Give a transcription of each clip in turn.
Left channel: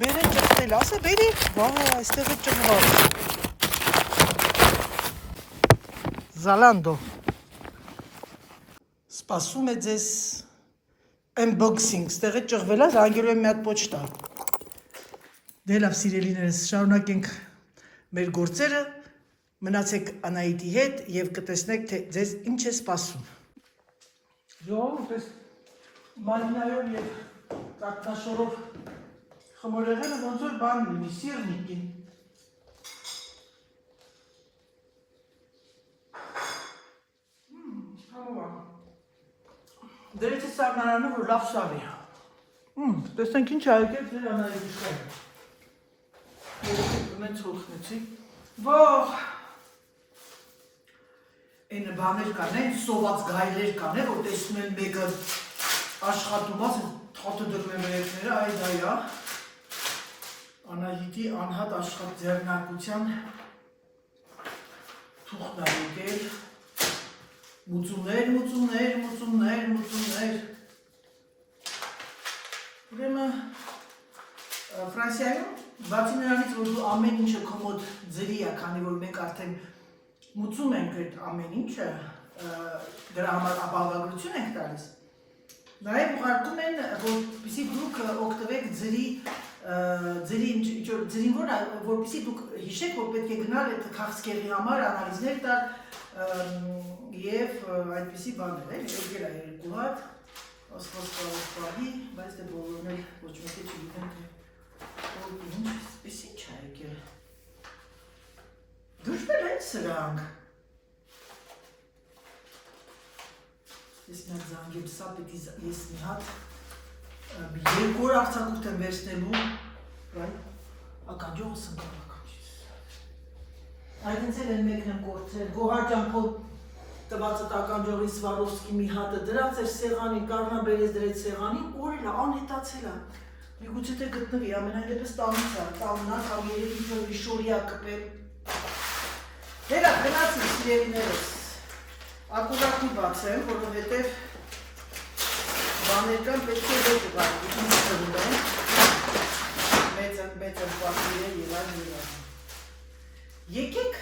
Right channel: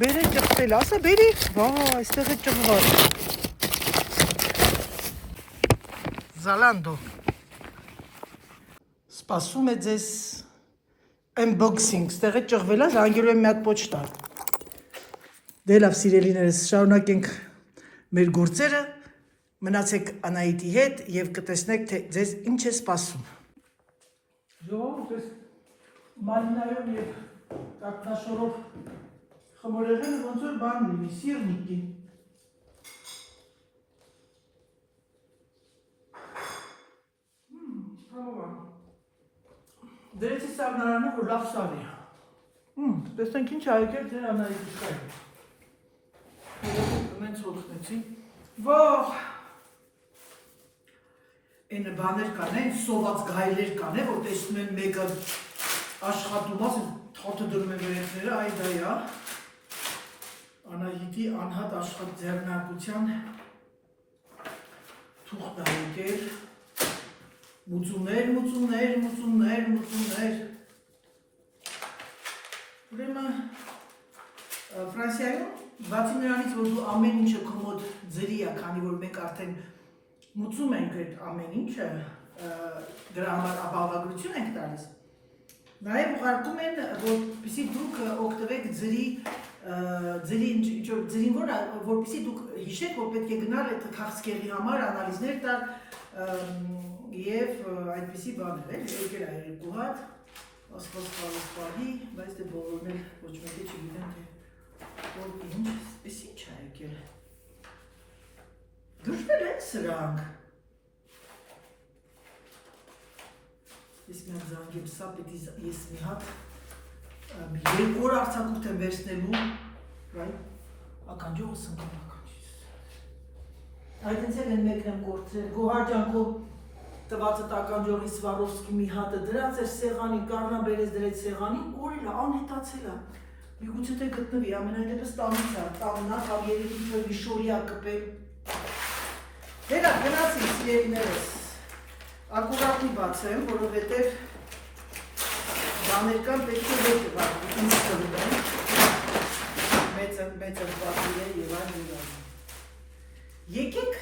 Բերե ճղտել, ասա բերի, վա, այստեղ է ճղված։ Zalando։ Սպասում է ձեզ unboxing, ստեղ է ճղվել է, զանգելու եմ մի հատ պոչտա։ Դե լավ սիրելիներս, շարունակենք մեր գործերը, մնացեք Անահիտի հետ և կտեսնեք, թե ձեզ ինչ է սպասում։ Ժողովուրդ, այս մալինայով և կակնաշորով խմորեղենը ոնց որ բան լինի, սիրնիկին։ Դրեցի սարնարանը, որ լավ սար է։ Տեսնենք ինչ այգեր ձեր Անահիտի շարը։ Մենց հոթնեցի։ Վաղ, այնը բաներ կան, սոված գայլեր կան, որ տեսնում են մեկը աշխատում ասը, թաթը դրում են վերեցները, այ դա է, Անահիտի անհատ աշխատ ձեռնարկության թուղթ է եկել, մուծումներ, ուրեմն Ֆրանսիայում բացի նրանից, որ դու ամեն ինչը քո ձրի է, քանի որ մենք արդեն մուծում ենք այդ ամեն ինչը, դրա համար ապահովագրություն ենք տալիս, նաև ուղարկում են, որպեսզի դուք օգտվեք ձրին որպեսզի դուք հիշեք, որ պետք է գնալ այդ քաղցկեղի համար անալիզներ տալ և այդպիսի բաներ, եկել է երկու հատ, ասպաս բայց դե բոլորն էլ ոչ մեկը չգիտեն, թե որ ինչ, պես ինչ է եկել։ Դուշվել են սրանք։ Ես մի հատ զանգեմ սա, պետք է ես մի հատ երկու օր արձակուրդ եմ վերցնելու, ականջողը սնկամ ականջից։ Այդ ինձ էլ են մեկն եմ գործել, գոհարջանքով տվածը ականջողի Սվարովսկի մի հատը դրած էր սեղանի, կարնաբերես դրեց սեղանին, օրել է, անհետացել է։ Միգուցե թե գտնվի, ամենայն դեպս տանից է, տաննակ, համ երևի որ վիշորի է կպել։ Դերա, գնացին սիրելիներս, ակուրակնի բացեմ, որովհետև բաներ կան պետք է ոչ ուղարկի, ինչ կրում են, մեծ ընկվածիր է և այլ։ Եկեք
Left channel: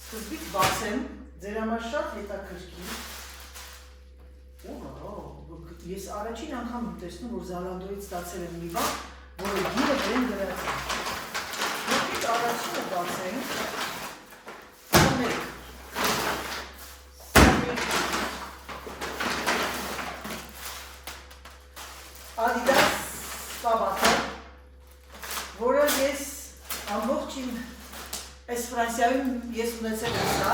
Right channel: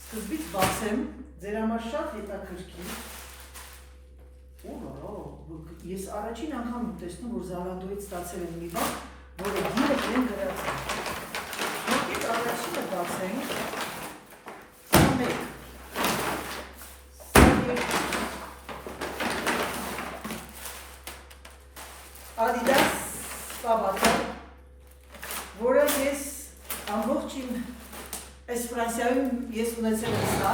սկզբից բացեմ, ձեր համար շատ հետաքրքիր։ Ես առաջին անգամ եմ տեսնում, որ Zalando-ից ստացել եմ մի բան, որը գիրը դրեն գրած է։ Եկեք առաջինը բացենք։ Adidas տաբատը, որը ես ամբողջ իմ այս Ֆրանսիայում ես ունեցել եմ սա,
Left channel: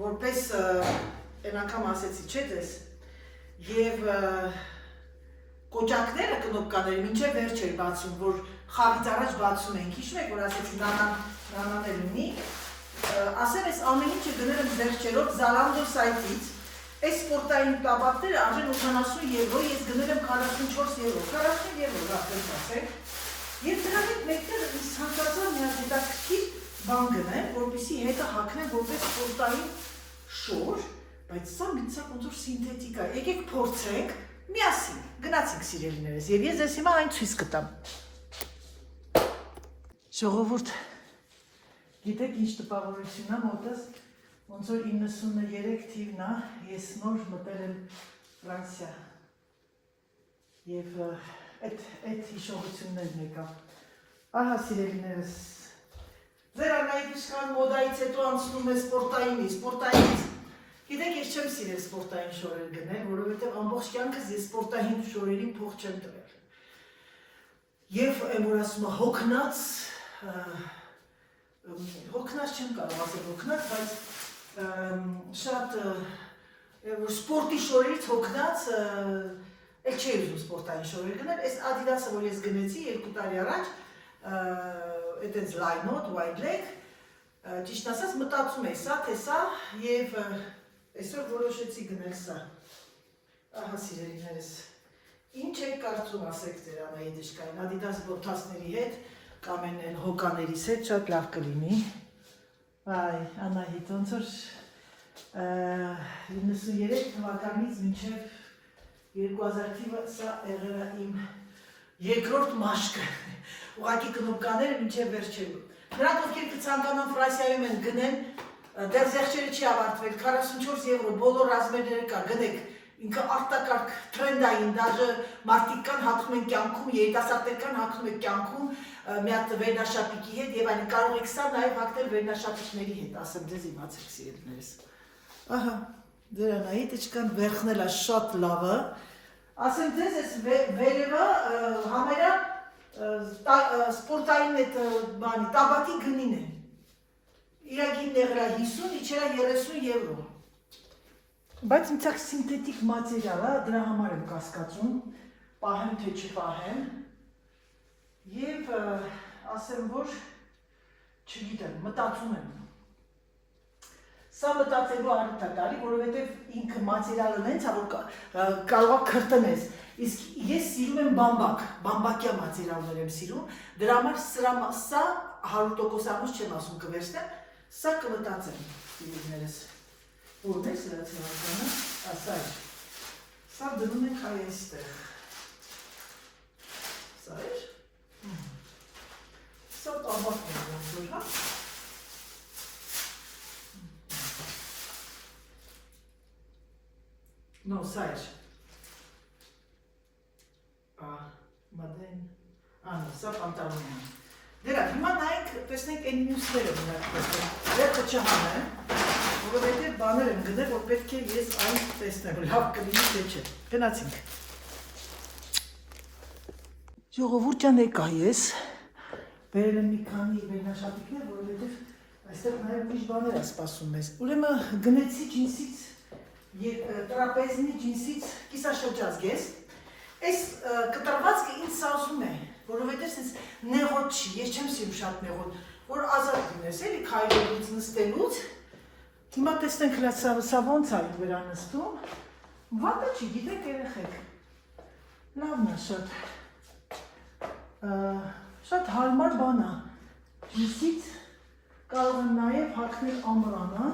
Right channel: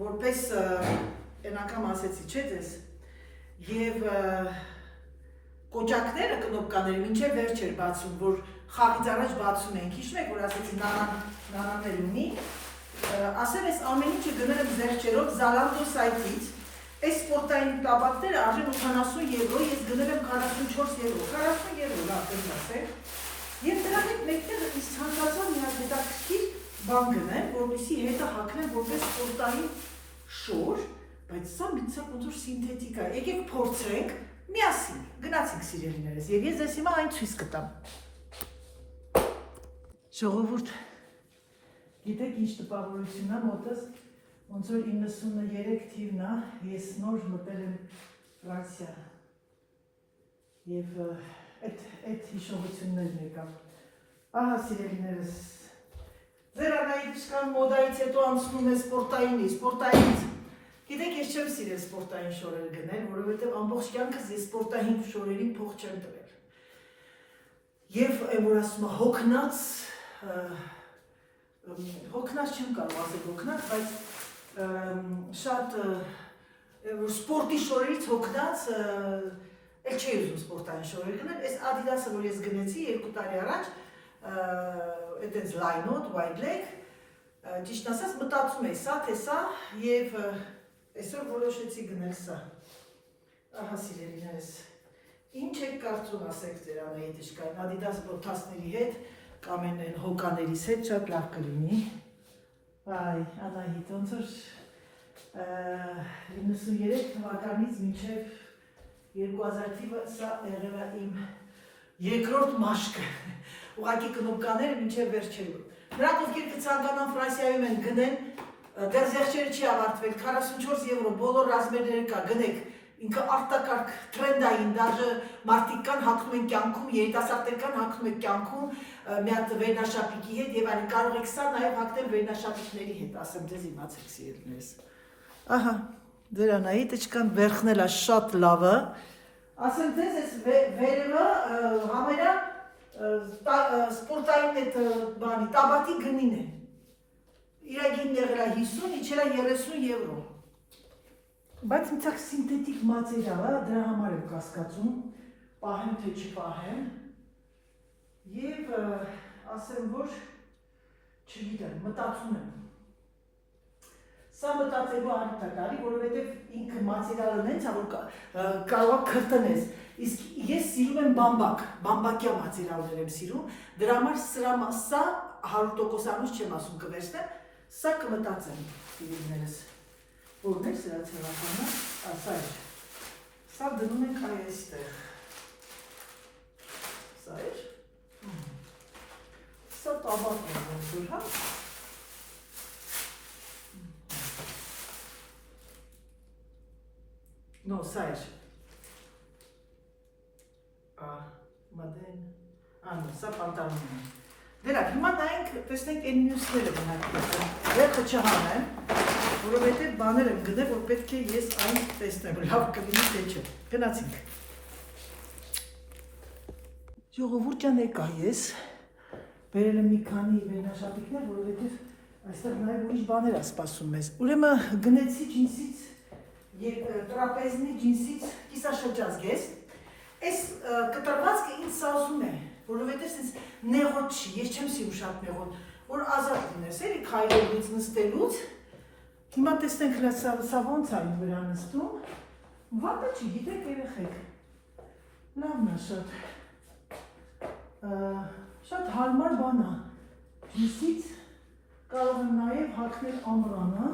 որպես են անգամ ասեցի, չէ դես, և կոճակները կնոպկաները մինչև վերջ էր բացում, որ խաղից առաջ բացում ենք, հիշում եք, որ ասեցի նանան էլ ունի, ասեմ ես ամեն ինչը գնել եմ զեղչերով Zalando սայթից, այս սպորտային տաբատները արժեն 80 եվրո, ես գնել եմ 44 եվրո, 40 եվրո, ապենք ասենք, և դրա հետ մեկտեղ ես ցանկացա մի հատ հետաքրքիր բան գնեմ, որպեսզի հետը հագնեմ որպես սպորտային շոր, բայց սա մի ցակ ոնց որ սինթետիկ է, եկեք փորձենք, միասին, գնացինք սիրելիներս, և ես ձեզ հիմա այն ցույց կտամ։ Ժողովուրդ, գիտեք ինչ տպավորությունն է մոտս, ոնց որ 93 թիվն է, ես նոր մտել եմ Ֆրանսիա, և այդ հիշողություններն եկավ։ Ահա սիրելիներս, ձեր Անահիտի մոդայից հետո անցնում է սպորտայինից, գիտեք ես չեմ սիրել սպորտային շորեր գնել, որովհետև ամբողջ կյանքս ես սպորտային շորերին փող չեմ տվել։ Եվ որ ասում է հոգնած չեմ կարող ասել հոգնած, բայց շատ սպորտի շորերից հոգնած էլ չի ուզում սպորտային շորեր գնել, այս Adidas-ը, որ ես գնեցի 2 տարի առաջ, այդենց լայնոտ, wide leg, ճիշտ ասած մտածում էի սա, թե սա, և այսօր որոշեցի գնել սա։ Ահա սիրելիներս, ինչ եք կարծում ասեք ձեր Անահիտի շքային, Adidas բոթասների հետ, կամ են հոկաներիս հետ շատ լավ կլինի։ Այ, Անահիտ, ոնց որ 93 թվականից մինչև 2000 թիվը սա եղել է իմ երկրորդ մաշկը։ Ուղղակի կնոպկաները մինչև վերջերու։ Նրանք ովքեր կցանկանան Ֆրանսիայում են գնեն, դեռ զեղչերը չի ավարտվել, 44 եվրո բոլոր ռազմերները կա, գնեք։ Ինքը արտակարգ թրենդային, դաժե մարդիկ կան հագնում են կյանքում, երիտասարդներ կան հագնում են կյանքում մի հատ վերնաշապիկի հետ եւ այլն, կարող եք սա նաեւ հագնել վերնաշապիկների հետ, ասեմ ձեզ իմացեք սիրելիներս։ Ահա, դրանայի տիչկան վերխնել է շատ լավը։ Ասեմ ձեզ այս վերևը համերա սպորտային այդ բանի, տաբատի գնին է։ Իրագին եղել է 50, իջել է 30 եվրո։ Բայց ինձ սինթետիկ մատերիալ է, դրա համար եմ կասկածում, պահեմ թե չպահեմ, և ասեմ, որ չգիտեմ, մտածում եմ։ Սա մտածելու առիթ է գալի, որովհետև ինքը մատերիալը նենց է, որ կարող է քրտնես։ Իսկ ես սիրում եմ բամբակյա մատերիալներ եմ սիրում, դրա համար սա 100%-անուց չեմ ասում կվերցնեմ, սա կմտածեմ, սիրելիներս։ Որն է սրա ցեղակումը, ասա է, սա դնում ենք այստեղ, սա էր, սա տաբակ է ոնցուր, հա, նո, սա էր, մադեն, նո, սա պանտալուն է, դերակ, հիմա նայենք, տեսնենք են մյուսները մնակ տեսնեմ, վերքը չհանեմ, որովհետև բաներ եմ գնել, որ պետք է ես այն տեսնեմ, լավ կլինի թե չէ, գնացինք։ Ժողովուրդ ջան եկա ես, բերել եմ մի քանի վերնաշապիկներ, որովհետև այստեղ նաև ուրիշ բաներ է սպասում մեզ։ Ուրեմն գնեցի ջինսից, տրապեզնի ջինսից կիսաշրջազգես, այս կտրվածքը ինձ սազում է, որովհետև սենց նեղոտ չի, ես չեմ սիրում շատ նեղոտ, որ ազատ լինես, էլի քայլելուց նստելուց, հիմա տեսնենք սա ոնց է ինձ վրա նստում, վատը չի, գիտեք երեխեք, լավն է շատ հարմար բան է, ջինսից կարող եմ նաև հագնել ամռանը,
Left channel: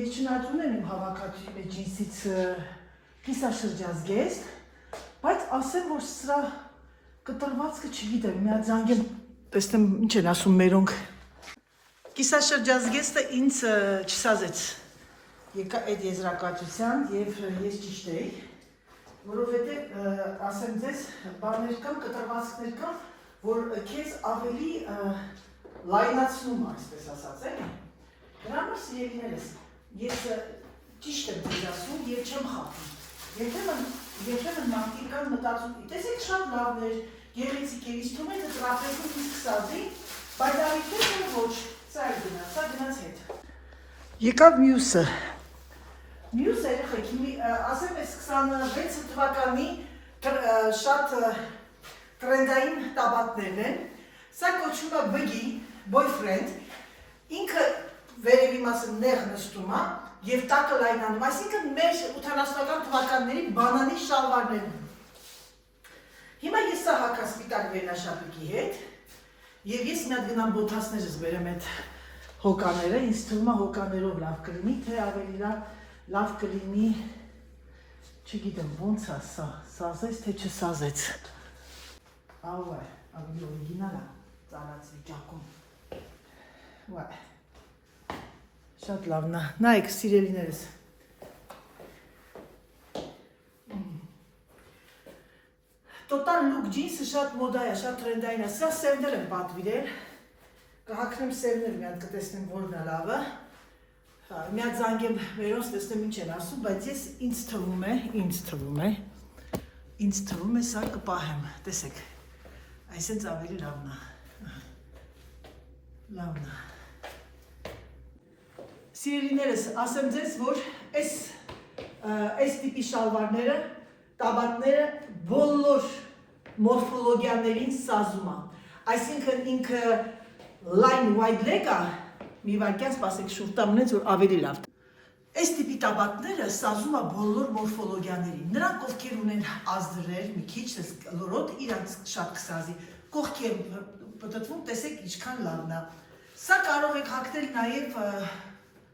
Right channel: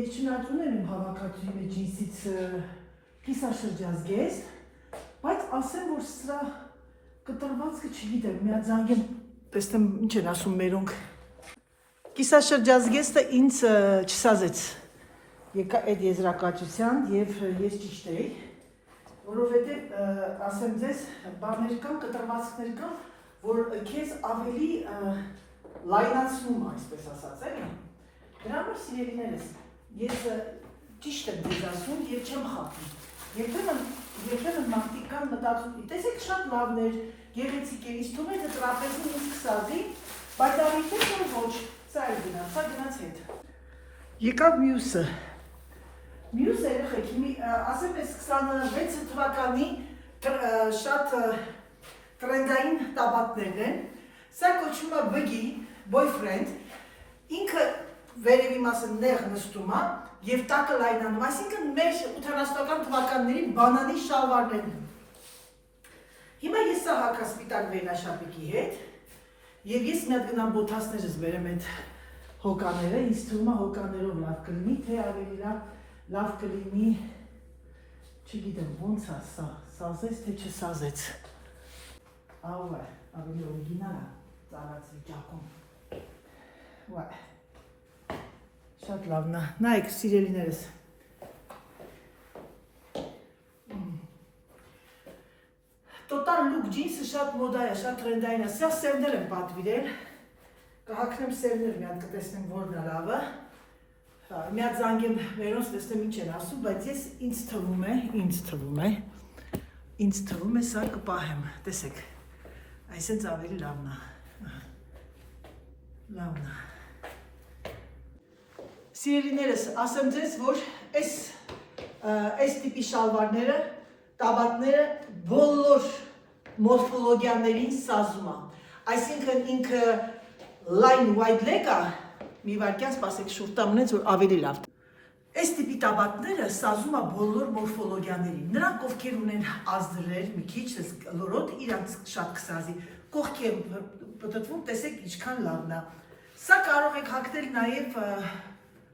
ես չնայած եմ հավաքածու ջինսից կիսաշրջազգեստ, բայց ասեմ, որ սրա կտրվածքը չգիտեմ, մի հատ զանգեմ, տեսնեմ ինչ են ասում մերոնք։ Կիսաշրջազգեստը ինձ չսազեց եկա այդ եզրակացության և ես ճիշտ էի, որովհետև ասեմ ձեզ բաներ կան, կտրվածքներ կան, որ քեզ ավելի լայնացնում այսպես ասած էլի։ Դրա համար սիրելիներս, ես ճիշտ եմ ձեզ ասում, ես չեմ խաբում։ Երբեմն մարդիկ կան մտածում, տեսեք շատ լավներ, գեղեցիկ է, իսկ թվում է տրապեզում ինձ կսազի, բայց արիթույնը ոչ, սա է գնաց, սա գնաց հետ։ Եկավ մյուսը։ Մյուսը երեխեք, ասեմ ես 26 թվականի շատ տրենդային տաբատներն են, սա կոչվում է բգի, boyfriend, ինքը վերևի մասը նեղ նստում է և տակը լայնանում, այսինքն մեր 80-ական թվականների բանանի շալվարներն են։ Հիմա ես սա հագա սպիտակ վերնաշապիկի հետ և ես մի հատ գնամ բոթասներս բերեմ այդ հոկաները, ինձ թվում է հոկաներով լավ կլինի, թե ավելի լավ կլինի, չգիտեմ, ոնց է սա, սազեց թե չսազեց։ Ավայ, ավելի օրիգինալ է ծառած վիճակում։ Վայ, շատ լավն է, նայեք սիրելիներս։ Total look ջինսը շատ մոդա է, շատ տրենդային է, սա սևներ եմ պատվիրել, կհագնեմ սևներ մի հատ կտեսնեմ որն է լավը, մի հատ զանգեմ մերոնց տեսնեմ ինչ են ասում, բայց ես ինձ թվում է սա կպահեմ, տեսեք, այսենց ավելի լավն է, լավն է։ Սիրելիներս, ասեմ ձեզ, որ այս տիպի շալվարները, տաբատները բոլոր մորֆոլոգիաներին սազում է, այսինքն ինքը line wide leg-ը, մի վարկյան սպասեք շուրտամ ունեց, որ ավելի լավ։ Այս տիպի տաբատները սազում է բոլոր մորֆոլոգիաներին, նրանք ովքեր ունեն ազդրեր, մի քիչ լորոտ, իրանց շատ կսազի, կողքի եմ պտտվում, տեսեք ինչքան լավն է։ Սա կարող եք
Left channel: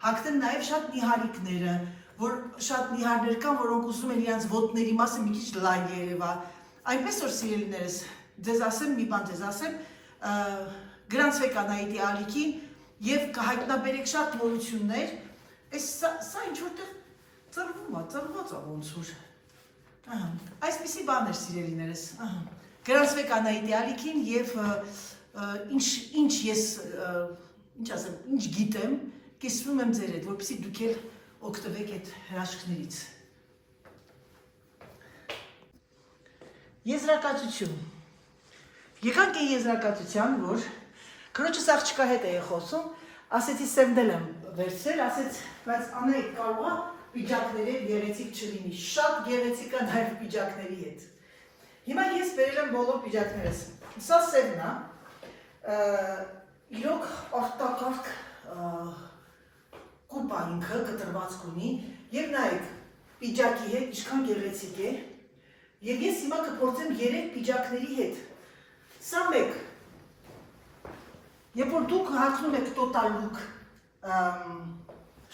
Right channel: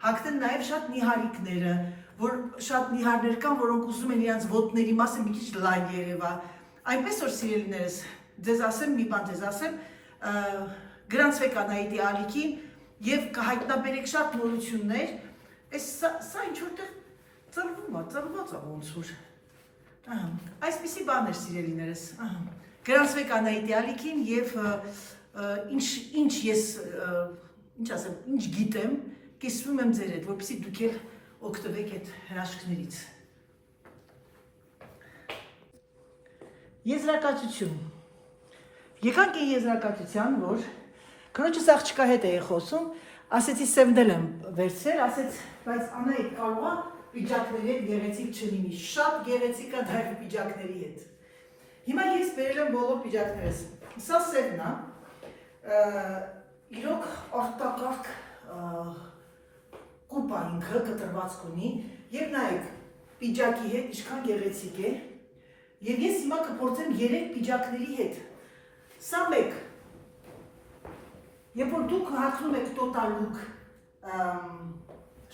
հագնել նաև շատ նիհարիկները, որ շատ նիհարներ կան, որոնք ուզում են իրանց ոտների մասը մի քիչ լայն երևա, Այնպես որ սիրելիներս, ձեզ ասեմ, մի բան ձեզ ասեմ, գրանցվեք Անահիտի ալիքին եւ կհայտնաբերեք շատ նորություններ, սա ինչ որտեղ ծրված է ոնց որ։ Այսպիսի բաներ սիրելիներս, գրանցվեք Անահիտի ալիքին եւ ինչ ես, ինչ ասեմ, ինչ գիտեմ, կիսվում եմ ձեր հետ, որպեսզի դուք էլ օգտվեք այդ հրաշքներից։ Եզրակացություն։ Եկանք այն եզրակացության, որ քրոջս աղջկա հետ էի խոսում, ասեցի սենդել եմ վերցրել, ասեց, բայց Անահիտ կարող է պիջակների հետ գեղեցիկ չլինի, շատ գեղեցիկ է դա պիջակների հետ։ Հիմա ես բերել եմ բոլոր պիջակներս։ Սա սևն է, իրոք արտակարգ կուպա ինքը կտրվածք ունի եւ նայեք պիջակի հետ ինչքան գեղեցիկ է եւ ես հիմա կփորձեմ 3 պիջակների հետ։ Սա մեկ։ Երբ որ դուք հարցնում եք total look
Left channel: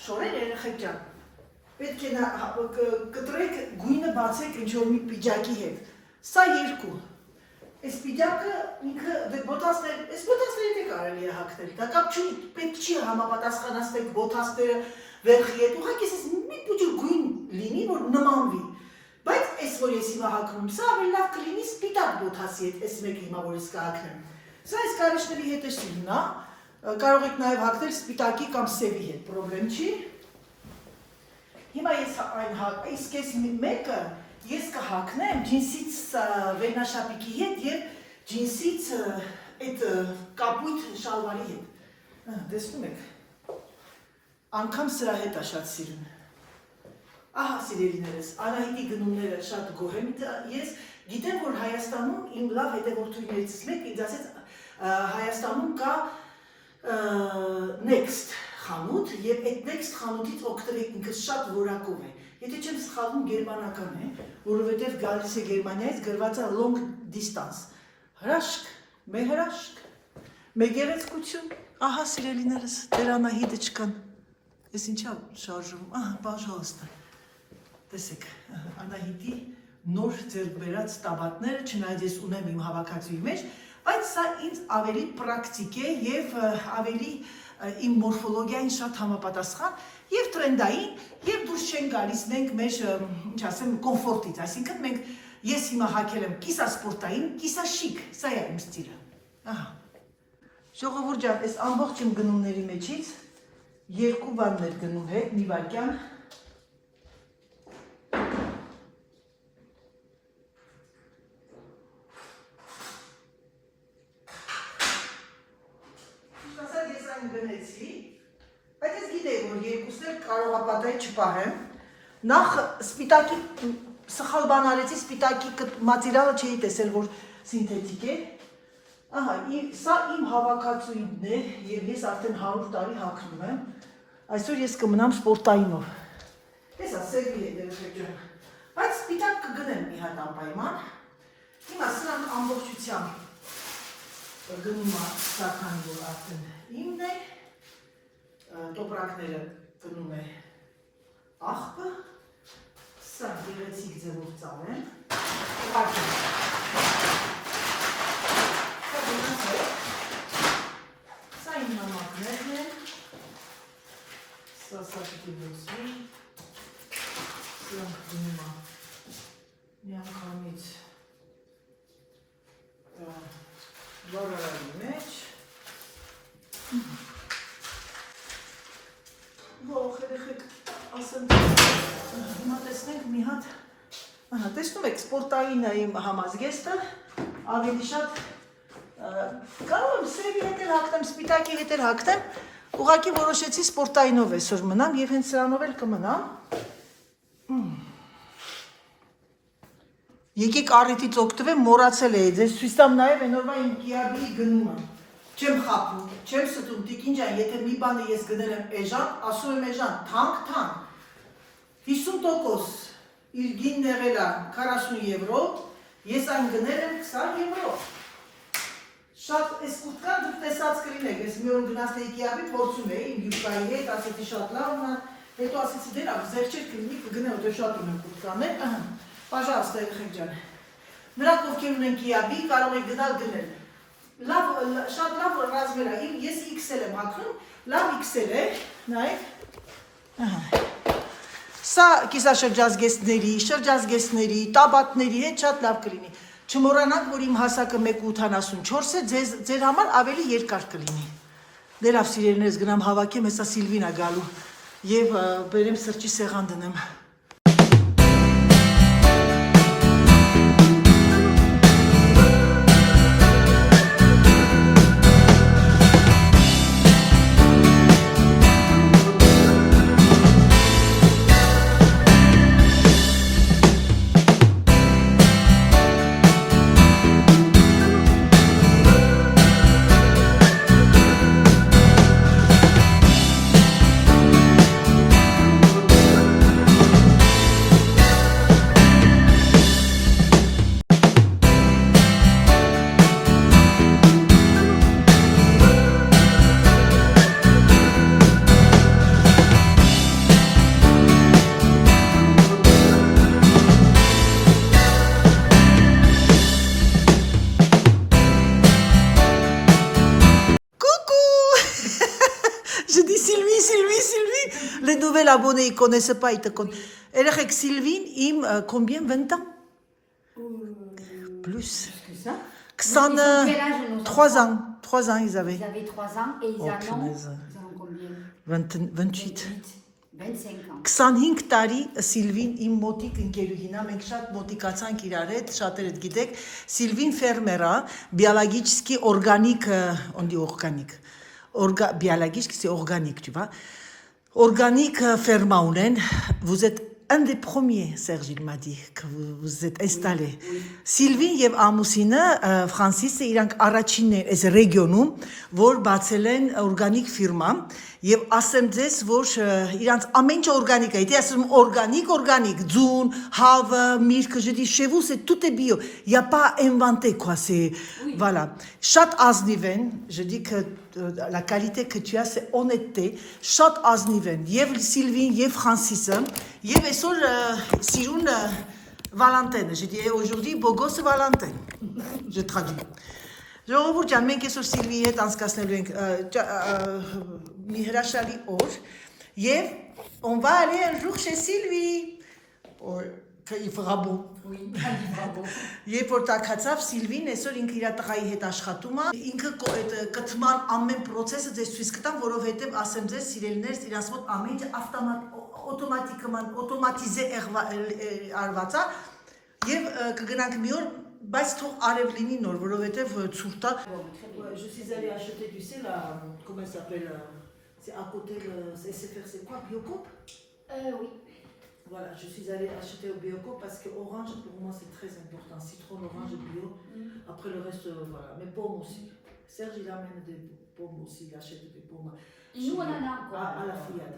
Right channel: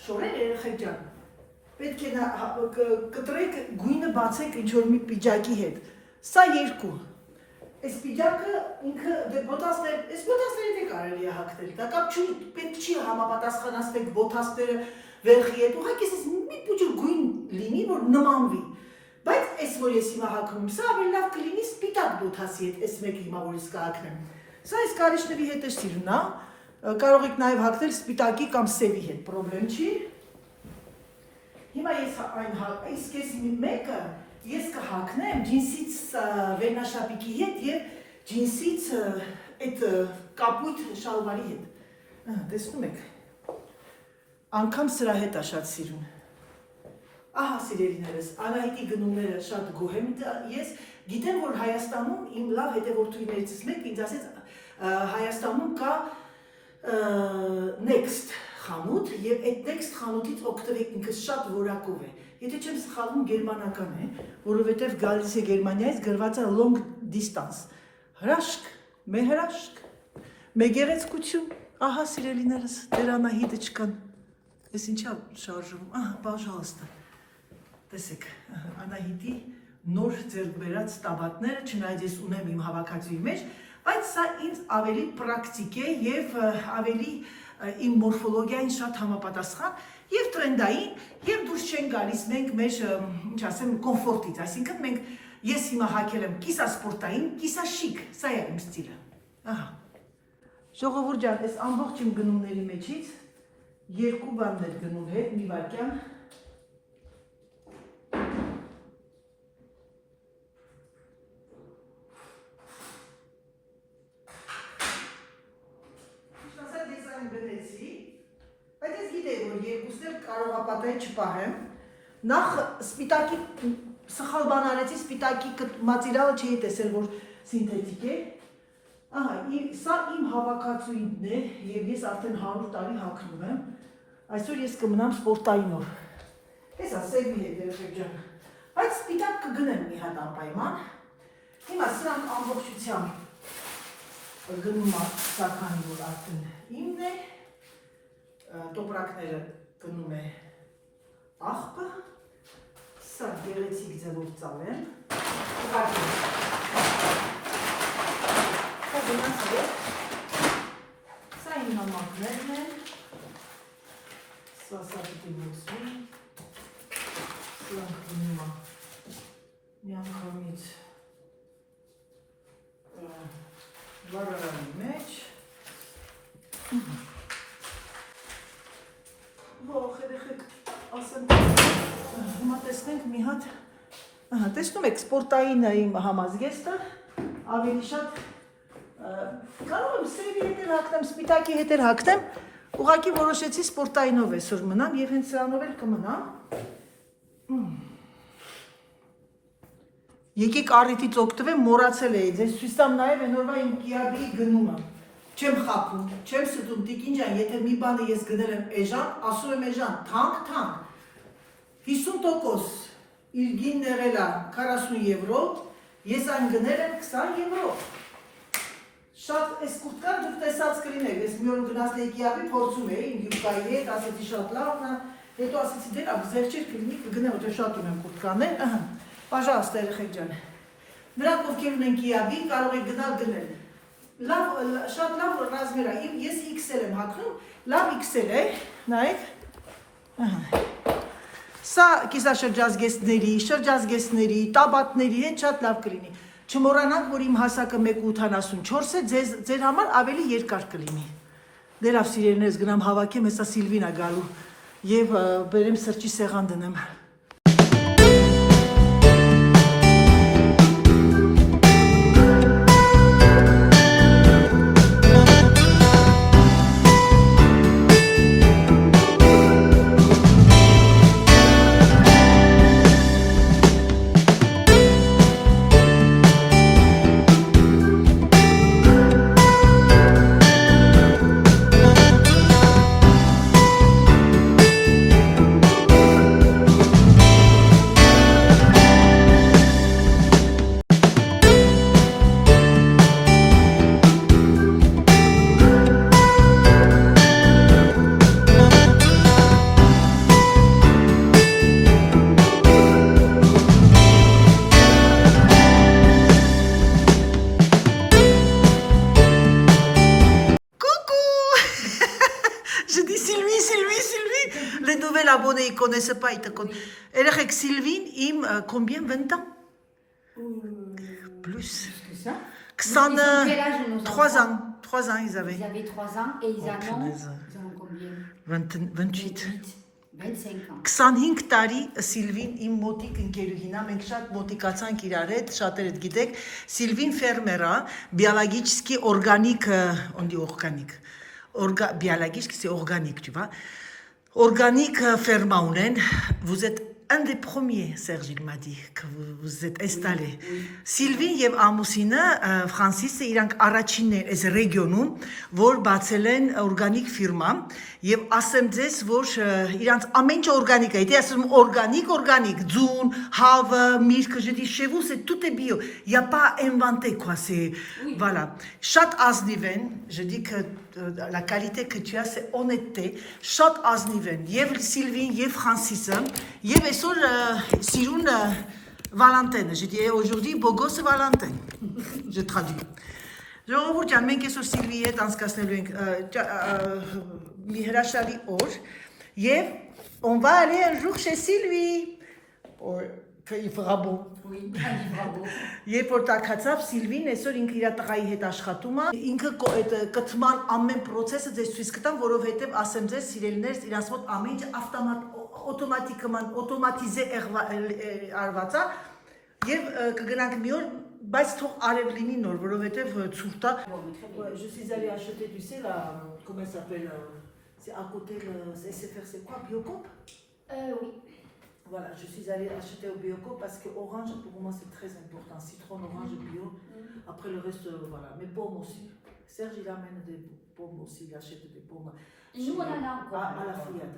շորեր երեխեք ջան, պետք է կտրեք գույնը բացեք ինչ որ մի պիջակի հետ։ Սա 2։ Այս պիջակը ինքը այս բոթասները դե կարելի է հագնել, դա կապ չունի, պետք չի համապատասխանացնեք բոթասները վերխի հետ, ուղղակի ես մի փոքր գույն լինի, որ նմանվի, բայց այս որ ես հիմա հագնում, սա ավելի լավ կլինի սպիտակ բոթասի հետ, այս մեկը հիմա որ ես կհագնեմ, սա այս կարիճների հետ է սիրուն, կարող եք նաև հագնել սպիտակի կամ սևի հետ, պրոբլեմ չի, հիմա ես իսկ ես մեկը ես կհագնեմ ջինսից վերնաշապիկի հետ և ջինսից այդ կապույտ շալվարի հետ, տեսնում եք, անգամ սրա հետ է շատ սիրուն, ահա սիրելիներս, Անահիտի գնումները շատ գոհ եմ, ես գիտեմ, որ Հայաստանում իմ լավ հետևորդուհիներից մեկ ինձ ասեց, Հայաստանում կա Next խանութ և այդ Next խանութից օգտվեք ինքը շատ որակով է, եթե չեմ սխալվում գերմանական է, որովհետև գալիս է Գերմանիայից գրված է long distance, հրաշք, մեր հրաշք, մեր գեղեցկություն, ահա սիրելիներս, դեր Անահիտը չկան, ես ինչա շարժում, պաժալստը, տեսեք, Անահիտի նոր ձեռք բերած տաբատները, չնայած ես ունեմ իմ հավաքածուի մեջ, բայց սա ինձ ավելի պրակտիկ է և ավելի իմ մորֆոլոգիային շատ համապատասխան և տրենդային, և դուրս չեն գալիս մենք մեր, ինչ ասեմ, կոմֆորտից, այսինքն մենք, ես հիմա հագել եմ կիսա սպորտային, կիսա շիկ, սա է իմ ստիլը, ահա, ժողովուրդ ջան, այս ամբողջ իմ գնումների մեջից 2 բաններ գնում հետ, մի վայրկյան, գնեցի, բայց ես գիտեի, որ երկուսներ կարողապատայի չպահեմ, նախ սպիտակի, սխալ բան արեցի, սպիտակի մատիրիալը չէի տեսել, որ սինթետիկ է, ահա, սա իմ հավաքածուին է, և ես արդեն 100 տարի հագնում եմ, այսօր ես կմնամ սպորտայինով, հեսա, սերվի է դերեխեք ջան, բայց սպիտակ կգնեմ մի հատ անպայման, հիմա սրանք ամբողջությամբ գնում է սականի, որ արդեն իմն է, տոպրակները գնում է աղբը, սա գեղեցիկ ձևով ծալեմ, ուղարկեմ, սա գնանց է, սա իմ նամակներն են, սա պիտի բոցվի, սրանք գնում է միանգամից վարարանի մեջ, երեխեք ասեմ, հիմա տեսնենք մի հատ, տեսնում եք սպորտային իմ համազգեստը, ավելի շատ, կարող եմ սրևի հետեր հագնեմ, սպիտակի հետեր հագնեմ, ուղղակի որոշեցի սպորտայինով այսօր մնամ և հենց սրանով էլ կմնամ, եկեք առիթից օգտվեմ, մոռացել էի, ձեզ ցույց տամ նաև այնօրվա իմ կիաբի գնումը, չեմ խաբում, չեմ ստում, տիկին ջան, եթե մի բանը ես գնել եմ էժան, ասում եմ էժան, թանկ, 50% իր գինն եղել է 40 եվրո, ես այն գնել եմ 20 եվրո, շատ այս կուրտկան դուք տեսած կլինեք, ես մի օր գնացել էի կիաբի, փորձում էի, իմ յուբկայի հետ, ասեցի շատ լավ, հետո ասեցի դե լավ, զեղչեր կլինի, կգնեմ, որտեղ շատ ունեմ կուրտկաներ, Պաժալստա երեխեք ջան, Նրանք ովքեր ունեն Kiabi, կարող եք գնալ գնել։ Շատ լավ ռազմեր է։ Ես XL եմ հագնում, լավ XL է, նայեք։ Ահա։ Սա շրջազգեստների, տաբատների հետ շատ լավ կլինի։ Չմոռանաք, որ իմ հասակը 1.84 է, ձեր համար ավելի երկար կլինի։ Դե լավ սիրելիներս գնամ հավաքեմ, հեսա Սիլվին է գալու եւ բերեմ սրճի սեղան դնեմ։ Les nouvelles abonnés, ils ne connaissent pas, ils te connaissent. Et là, Sylvine, combien 20 ans Plus. Que ça 3 ans. 3 ans, ils avaient. Ils avaient 3 ans et ils en ont combien 28. 25 ans. 25 տարի Սիլվին իմ մոտիկ ընկերուհին է, մենք շատ մոտիկացանք իրար հետ, շատերը գիտեք, Սիլվին ֆերմեր է, биологически органик, on dit organique. Biologique, c'est organique, tu vois. Organique ferme ունեն, vous êtes un des premiers, Serge, il m'a dit, que vous êtes installé. Oui. Սիլվին եւ ամուսինը Ֆրանսիսը իրանք առաջինն են այս ռեգիոնում, որ բացել են օրգանիկ ֆիրմա եւ ասեմ ձեզ, որ իրանք ամեն ինչ օրգանիկ է, դե ասում organique, ձուն, հավը, միրգը, je dis chez vous c'est tout est bio. Il y a pas inventé quoi, c'est voilà. Շատ ազնիվ են, je dis que la qualité que tu as c'est honnêteté, շատ ազնիվ են եւ Սիլվին եւ Ֆրանսիսը եւ այսօր սիրուն Valentin, je dis aujourd'hui beau gosse Valentin. Je traduis. Ժողովուրդ ջան, մենք այսօր Սիլվիի հետ անցկացնելու ենք մի հրաշալի օր եւ on va aller un jour chez Sylvie. Il fera beau. Oui, il fera beau. Երբ որ տակացավ Սիլվին այսօր ինքը իր տղայի հետ աշխատում է, ինքը այդ կթման ամեն process-ը ձեզ ցույց կտամ, որովհետեւ ասեմ ձեզ սիրելիներս իրանց մոտ ամեն ինչ օտոմատիզե արված է եւ կգնանք մի օր բայց թող արև լինի նոր, որովհետև ցուրտ է։ Je suis allée acheter, tu sais, là, comment ça s'appelle, c'est à côté, c'est SFR, c'est quoi, Biocop? Oui. Voilà, je suis allée acheter au Biocop parce que orange, pour moi, c'est très important. Citron, orange, bio. Après le reste, voilà. Mais pommes aussi. Serge, il amène des pommes aussi, il achète des pommes. Nous, on en a encore. À la fouillade.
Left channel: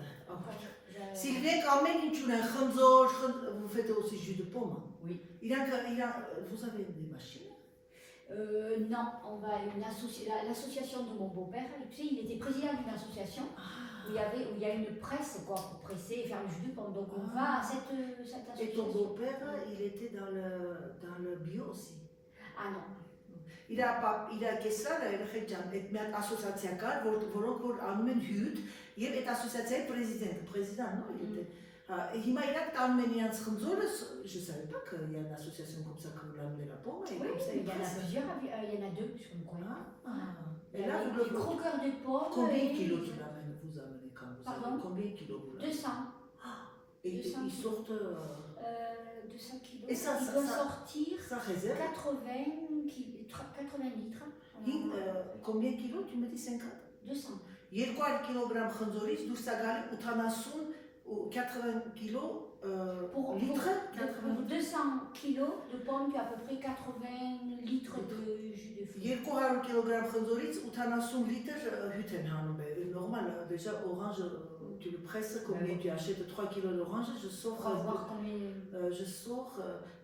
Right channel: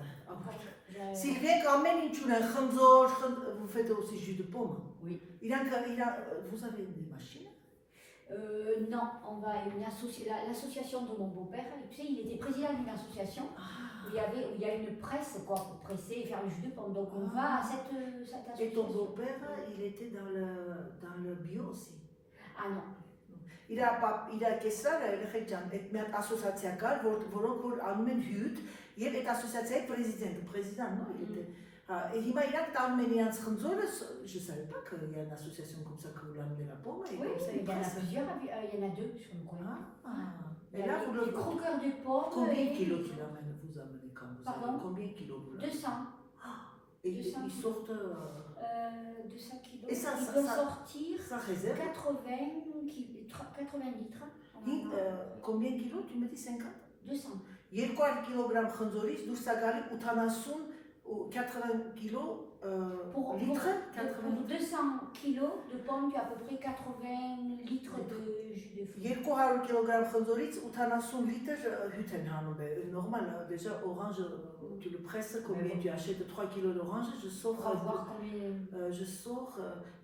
Sylvien, quand même, vous faites aussi jus de pomme. Oui. Vous avez des machines? Non, on va l'association de mon beau-père. Tu sais, il était président d'une association où il y a une presse quoi, pour presser et faire le jus de pomme. Donc on va à cette association. Et ton beau-père, il était dans le bio aussi? Ah non. Il a կեսար այդ մի ասոցիացիա կար, որոնք որ անում են հյութ, եւ այդ ասոցիացիայի président, non, il était. Et հիմա իրանք տանում են իրանց խնձորը, je savais pas qu'il y a une association comme ça que vous l'amenez la pomme et oui, comme ça il y en a plusieurs, il y en a 2 sur le coin. Et là vous le croqueurs de pomme. Combien de kilos vous amenez quand vous Pardon? Combien de kilos vous l'amenez? 200. Et ils sortent 200 kilos. Et ça doit sortir ça réserve 80 litres. Combien de kilos? Tu me dis 50? 200. 200 կիլոգրամ խնձորից դուրս է գալի 80 ou 80 kilos litres. Pour 200 kilos de pommes, tu as à peu près 80 litres de jus de fruits. 200 kg խնձորից 80 լիտր հյութ են հանում է normal déjà orange tu le presses combien tu achètes 3 kg d'orange je sors voir combien je sors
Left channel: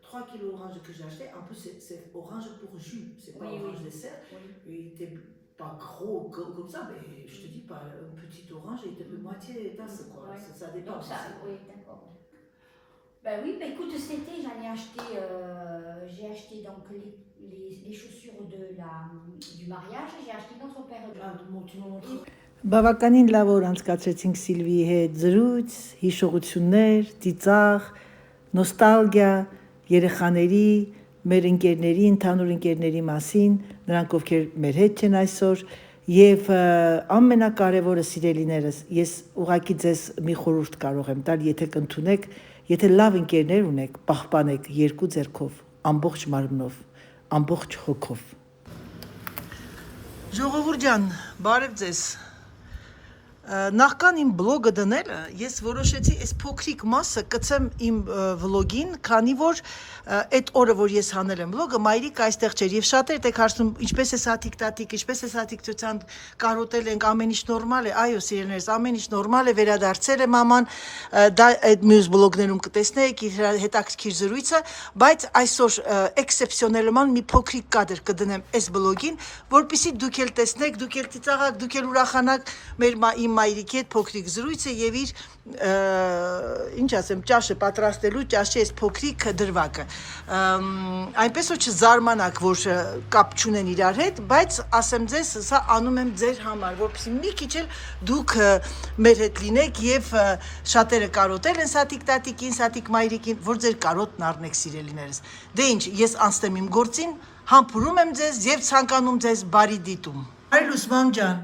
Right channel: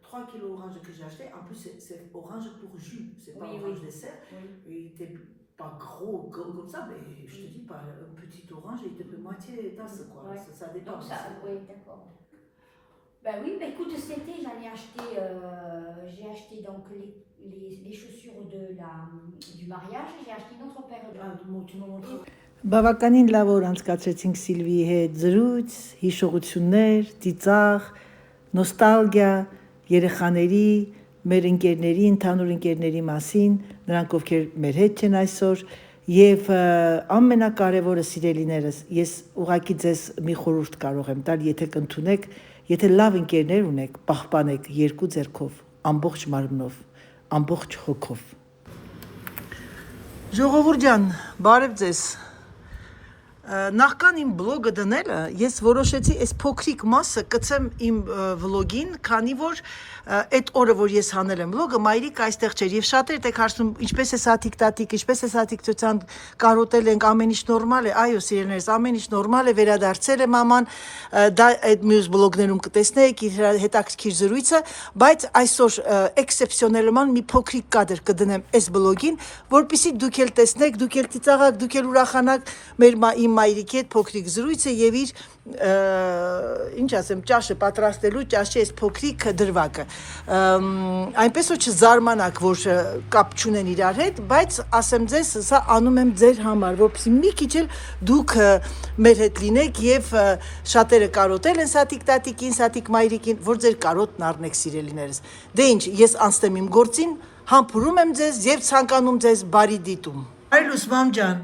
3 kg d'orange que j'ai acheté en plus c'est orange pour jus c'est pas orange dessert il était pas gros comme ça mais je te dis pas une petite orange il était de moitié tasse quoi ça dépend donc ça oui d'accord Ben oui, bah écoute, cet été, j'ai acheté donc les chaussures du mariage, j'ai acheté une autre paire de... Բավականին լավ օր անցկացրեցինք Սիլվիի հետ, զրույց, հիշողություններ, ծիծաղ, նոստալգիա, երեխաների, մեր ընկերների, ընդհանուր ընկերների մասին, նրանք ովքեր մեր հետ չեն այսօր, եւ ամենակարևորը սիրելիներս, ես ուղղակի ձեզ մի խորհուրդ կարող եմ տալ, եթե կընդունեք, եթե լավ ընկերներ ունեք, պահպանեք երկու ձեռքով, ամբողջ մարմնով, ամբողջ հոգով։ Ժողովուրդ ջան, բարև ձեզ։ Նախքան իմ բլոգը դնելը, ես որոշեցի այս փոքրիկ մասը կցեմ իմ վլոգին, քանի որ այդ օրը, որ ես հանել եմ վլոգը, մայրիկ այստեղ չէր եւ շատերդ եք հարցնում, ինչպես է սաթիկ տատիկ, ինչպես է սաթիկ ծոցան կարոտել ենք, ամեն ինչ նորմալ է, այո, սիրելիներս, ամեն ինչ նորմալ է, վերադարձել է մաման, դա այդ մյուս բլոգներում կտեսնեք իր հետաքրքիր զրույցը, բայց այսօր էքսեպսիոնելման մի փոքրիկ կադր կդնեմ այս բլոգին, որպեսզի դուք էլ տեսնեք, դուք էլ ծիծաղաք, դուք էլ ուրախանաք մեր իմ մայրիկի հետ փոքրիկ զրույցը եւ իր ինչ ասեմ, ճաշը պատրաստելու ճաշի այս փոքրիկ դրվագը։ Այնպես որ չզարմանաք, որ կապ չունեն իրար հետ, բայց ասեմ ձեզ, սա անում եմ ձեր համար, որպեսզի մի քիչ էլ դուք մեր հետ լինեք եւ շատերը կարոտել են սաթիկ տատիկին, սաթիկ մայրիկին, որ ձեր կարոտն առնեք սիրելիներս։ Դե ինչ, ես անցնեմ իմ գործին, համբուրում եմ ձեզ եւ ցանկանում ձեզ բարի դիտում։ Այլուս մամ ջան,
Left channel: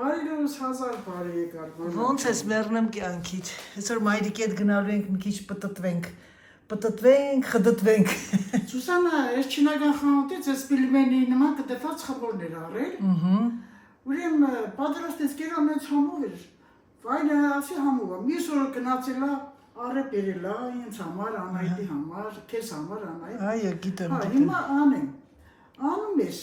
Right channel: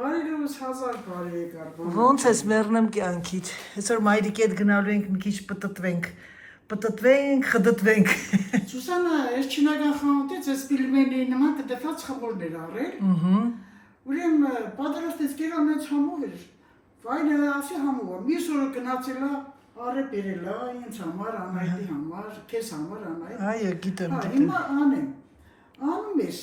Բարելուս հազար բարի եկար։ ոնց ես մեռնեմ կյանքից։ Այսօր մայրիկի հետ գնալու ենք մի քիչ պտտվենք, խդտվենք։ Սուսանա, ես չինական խանութից ես պիլմենի նման կտεφած խմորներ առել։ Ուրեմն պատրաստեց կերոնից համով էր։ Վայնը ասի համով է։ Մյուս օրը գնացելա առը բերելա ինձ համար, Անահիտի համար, քեզ համար Անահիտ։ Այո, գիտեմ։ Հիմա անեմ։ Անում ես։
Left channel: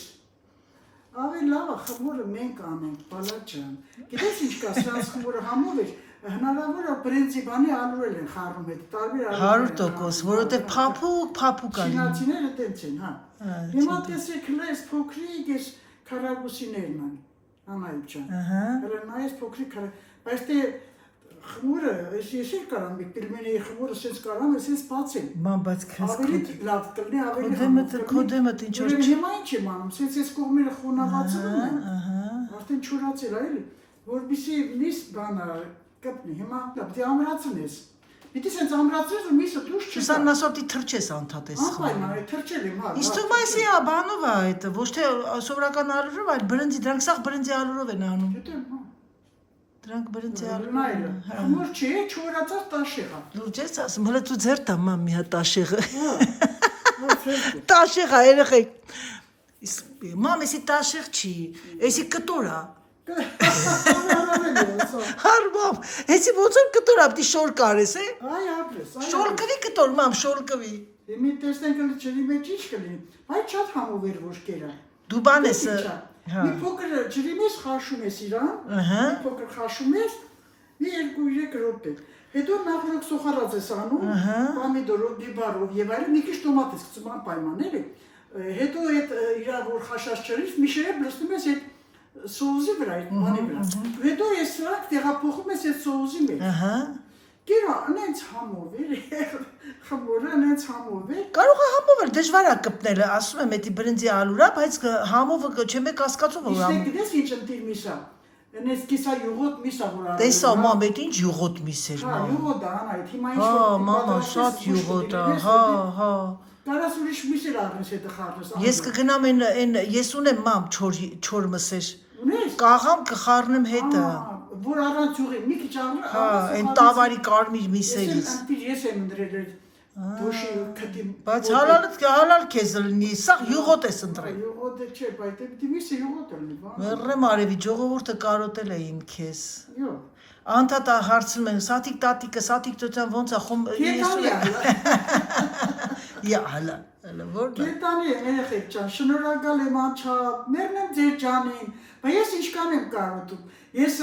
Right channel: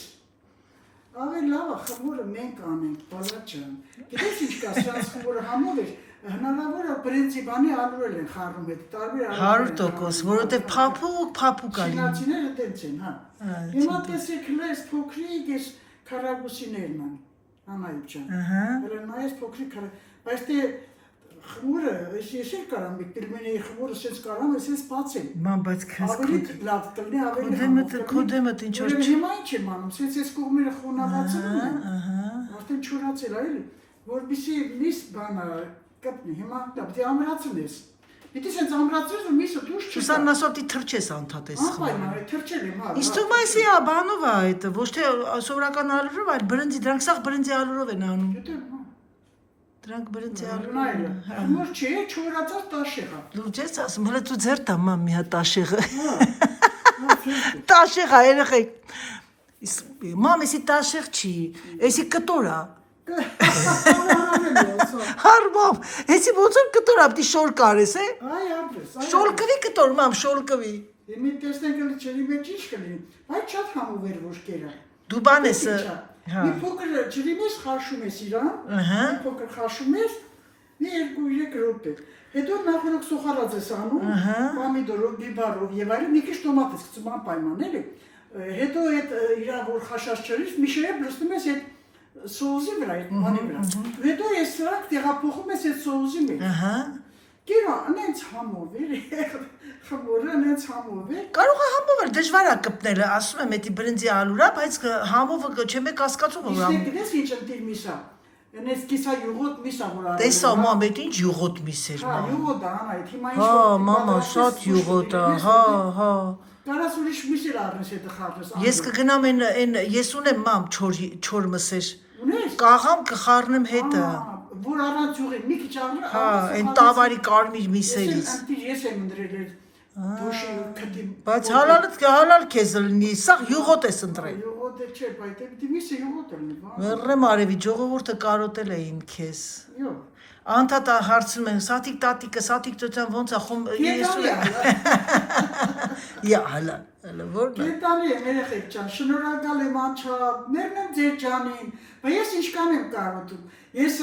Ավելի լավ է խմորը մենք անենք, բալաճան։ Գիտես ինչ կա, սրանց խմորը համով էր, հնարավոր է պրինցիպանի ալուրել են խառնում հետ, տարբեր 100%, որովհետև փափուկ ալի։ Շինացիները տենց են, հա։ Հիմա տեսեք լես փոքրիկ ես քարագուսիներն են, Անահիտ ջան։ Հրանայես փոքրիկ բայց դե խմորը, ես էլ կարամ պիլմենի խմորը սենց կարամ, ես բացեմ։ Ման, բայց քեզ ավելի լավ կլինի, ավելի համով։ Քո դեմը ինչ որ հիմա ինչ եմ անում, սենց ես կողմերը խոնավացնում եմ, արդեն չորացել է, էլի, որպեսզի միս բանը կպնի, հիմա դե ամրացնես։ Պիտի սենց ամրացրես, որ միսը դուրս չկա։ Սուսան ասոտի թրջես անդադես խմորը։ Անպայման, թրջել եմ, հա։ Իսկ թվում է էսի բանով է այդ, ոչ թե սովորական ալուրով, այլ բրնձի, դրանք սաղ բրնձի ալուրով են անում։ Գիտեմ, հա։ Դրանք բրնձի Նայլը, խմոր չի, չորացած տաշեղ է։ Լուծ ես ասում, հələ դու ձեր տամ մի հատ տաշեղը։ Հա, Տաշեղ է, երեխեք։ Մամ, էսի տաշեղ չի, էսի կտոր է։ Հարմամ, էսի ոնց որ կտոր է, պիտի շոր կարես, է։ Այ ապրես, այ։ Շոր կվի կտոր, մամ, շոր կվի։ Մի տեսնենք էլ ջրի մեջ ինչ կլինի, բայց շատ համով էր ոչ կերա։ Դու բան ես, Մի փոքր ջրի մեջ խաշում ես իրան, մի փոքր խաշում ես, մի 2-3 րոպե։ Հետո նախորդ սոխարած ես անում, պոմիդորով, բիբարով եւ այլն, մի քիչ տոմատ ես գցում անպայման էլի։ Հետո այդ իրա որ խաշած ջրից մի շերեփ լցնում ես այդ սոուսի վրա, այդ բանի վրա։ Հետո ես սրանք տեղափոխում ես այդ սոուսի մեջ։ Գերա, անենց համով էր, խմորը անենց համով էր։ Կարող է համով էր, դժվար է կպնելը, ասում եմ, էդի բրնձի ալուրա, բայց համովը չեմ եք հասկացում, որ Իսկ գիտես ինչ ընտիր միսա։ Անես կիսա յուղոտ միսա որ արել։ Տեսա, մամ, էդ ինչ յուղոտ միս էր, Հա, մամ։ յուղոտ է, Անահիտ, հիմա ինչ Հա, մամա, շատ յուղոտ է, հա։ Կարաս ուրիշ միսեր առնես հետը խառնես։ Ես կգնամ այն, ես ունեմ մամ չոր մսեր։ Ունես։ Կաղամ կխառնեմ հետը։ Որ առանց յուղի, մի քիչ առնես։ Հա, այն տավարի կարմիր միսերից։ Ես եմ ընդրել այդ դոշի քդի։ Բայց հալալ քեզ լինի, սա յուղոտ ես ընտրել։ Յուղոտ չէ, բայց դե միսը յուղոտ է լինի։ Մեռնեմ արևի, ժողովուրդը կարոտել էին քեզ։ Յո։ Անդադա հարցնում են, սաթիկ տատիկը, սաթիկ ծոցյան ոնց է խում Յա, հալա, որն է։ Կետանի եմ երեխեք ջան, շնորհակալ եմ անչափ, մերնեմ ձեր ջանին, բայց ես ինչքան եմ կարոտում։ Ես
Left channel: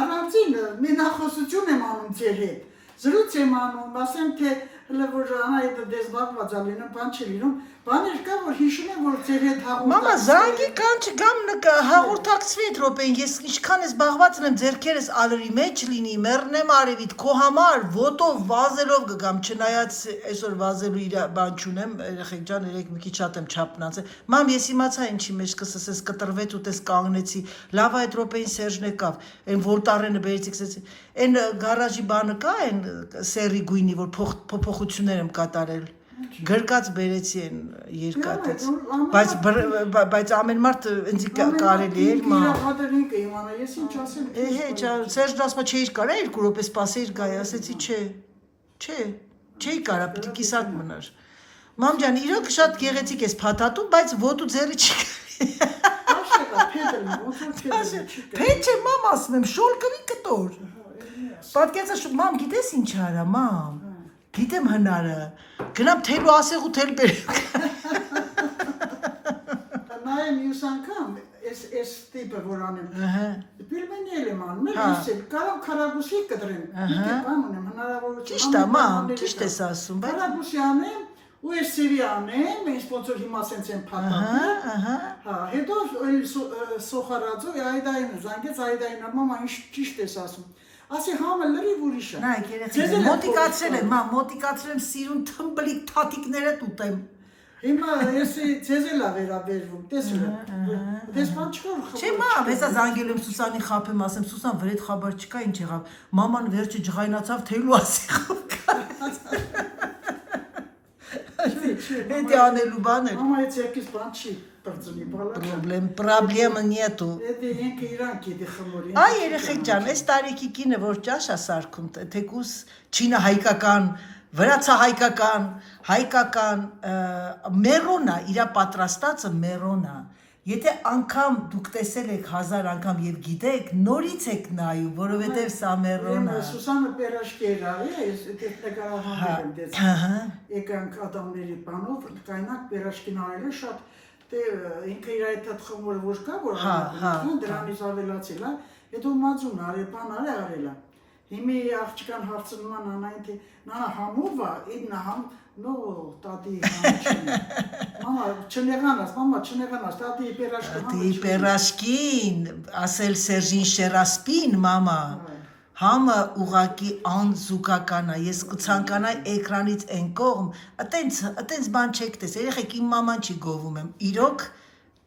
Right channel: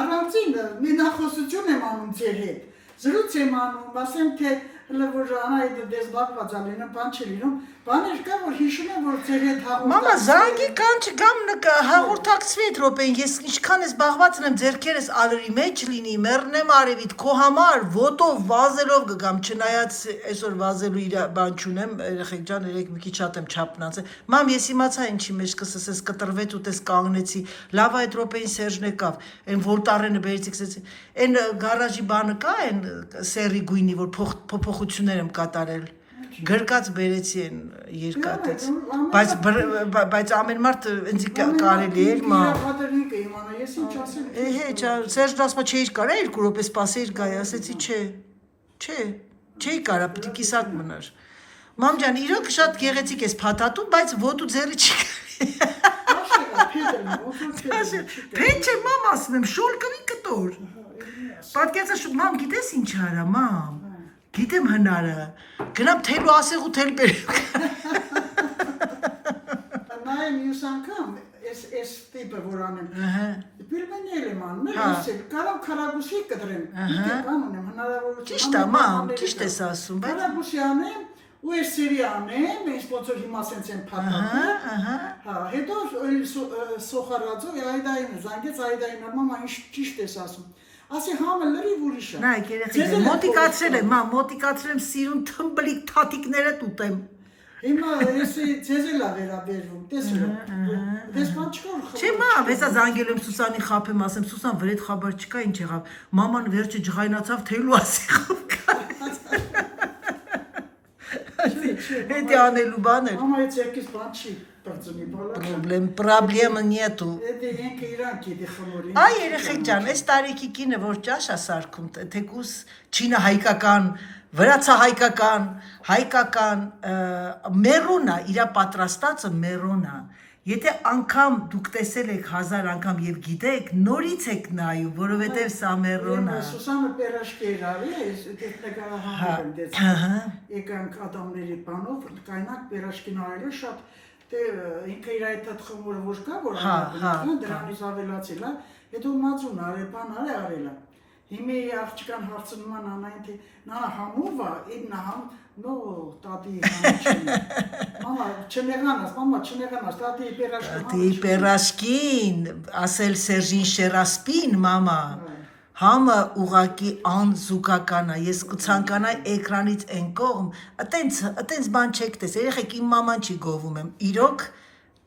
առանձին մի նախոսություն եմ անում ձեր հետ։ Զրույց եմ անում, ասեմ թե Հələ որ անայդ դες բաղված ալինը բան չի լինում, բաներ կա, որ հիշում եմ, որ ձեր հետ հաղորդակցվի։ Մամա, զանգի կանչ գամ հաղորդակցվի այդ րոպեին, ես ինչքան ես բաղված եմ, ձերքերս ալրի մեջ լինի, մեռնեմ արևիդ, քո համար ոտով վազելով կգամ, չնայած այսօր վազելու իր բան չունեմ, երեխեք ջան, երեք մի քիչ շատ եմ չափնացել։ Մամ, ես իմացա ինչի մեջ կսսես, կտրվեց ու տես կանգնեցի։ Լավ այդ րոպեին Սերժն եկավ, այն Վոլտարենը բերեցի, ասեցի, այն գարաժի բանը կա, այն սերի գույնի, որ փոփոխություններ եմ կատարել։ Գրկած բերեցի են երկաթից, բայց ամեն մարդ ինձ կարելի էր մամ։ Ես ինչ ասել։ Սերժն ասում չէի կարա 2 րոպե սպասեիր գայ, ասեցի չէի կարա, պիտի կիսատ մնար։ Մամ ջան, իրոք շատ գեղեցիկ ես փաթաթում, բայց ոտու ձեռի չի կարի։ Փետ չէ մամ ասում եմ, շոլկվի կտոր։ Պատկերացա մամ գիտես ինչ արա մամ։ Գիտեմ հնարը, գնամ թելու ասեղ ու թել բերեմ։ Նայեմ յուս անգամ, ես տիպը որ անեմ, պիրմենի էլ եմ անում, ես էլ կարամ կարագուսի կդրեմ, իգե բան ունեմ, հնարավորություն։ Ճիշտ է մամ, ճիշտ ես ասում, բայց կարագուսի անեմ, ու ես սերի անեմ, ես ոնց որ հիմա սենց են փաթաթում, հետո սոխարածով այդային զանգեց, այդային մամա ինչ ճիշտ ես ասում։ Ասի համը լրիվ ուրիշ է։ Նայ, երեխեք, մոտիկացրել եմ, մամ, մոտիկացրել եմ սիրուն թմբլիկ թաթիկներդ ուտեմ։ Հիմա ես ձեզ էլ ա վերաբերվում, տեսել եմ։ Դες բան չկա որ խմոր։ Չէ մամ, հեսա զանգել եմ Սուսանին խափեմ, ասեմ Սուսան վրեդ խաբար չկա, ինչ եղավ։ Մաման վերջը ջղայնացավ թելու ասեղով Էդի անելու բան էր։ Մամա այդ երկիս բան չի բրծնի բալակ։ Պրոբլեմը նետու։ Էդի ենքը իրան գիտի խմորին։ Այ երեխեք ջան, այս տարիքի կինը որ ճաշ է սարքում, թեկուս չինը հայկական, հայկական, մերոնա, իրա պատրաստածը մերոնա։ Եթե անգամ դուք տեսել եք 1000 անգամ եւ գիտեք, նորից եք նայում, որովհետեւ սա մերոնա։ Սուսանը պերաշկի էր արի, ես դες նկարահանում եմ դες։ Եկանք ադամների բանով, կայնակ պերաշկին արելը շատ դե ինքը իր այդ խմորը որ կա, որ անհատական դրանից ավելացել է, հետո մածուն արել, բան արելա։ Հիմի աղջկան հարցնում են անային թե նանա համով է, իդնա համ, նո տատի համիչին։ Մամա չնեղանաս, տատի պերաշկին համիչին։ Տատի պերաշկին, ասել Սերժին շերասպին, մամա, համը ուղակի անզուգական է, ես կցանկանայի էկրանից են կողմ, ատենց բան չեք տես, երեխեք իմ մաման չի գովում եմ,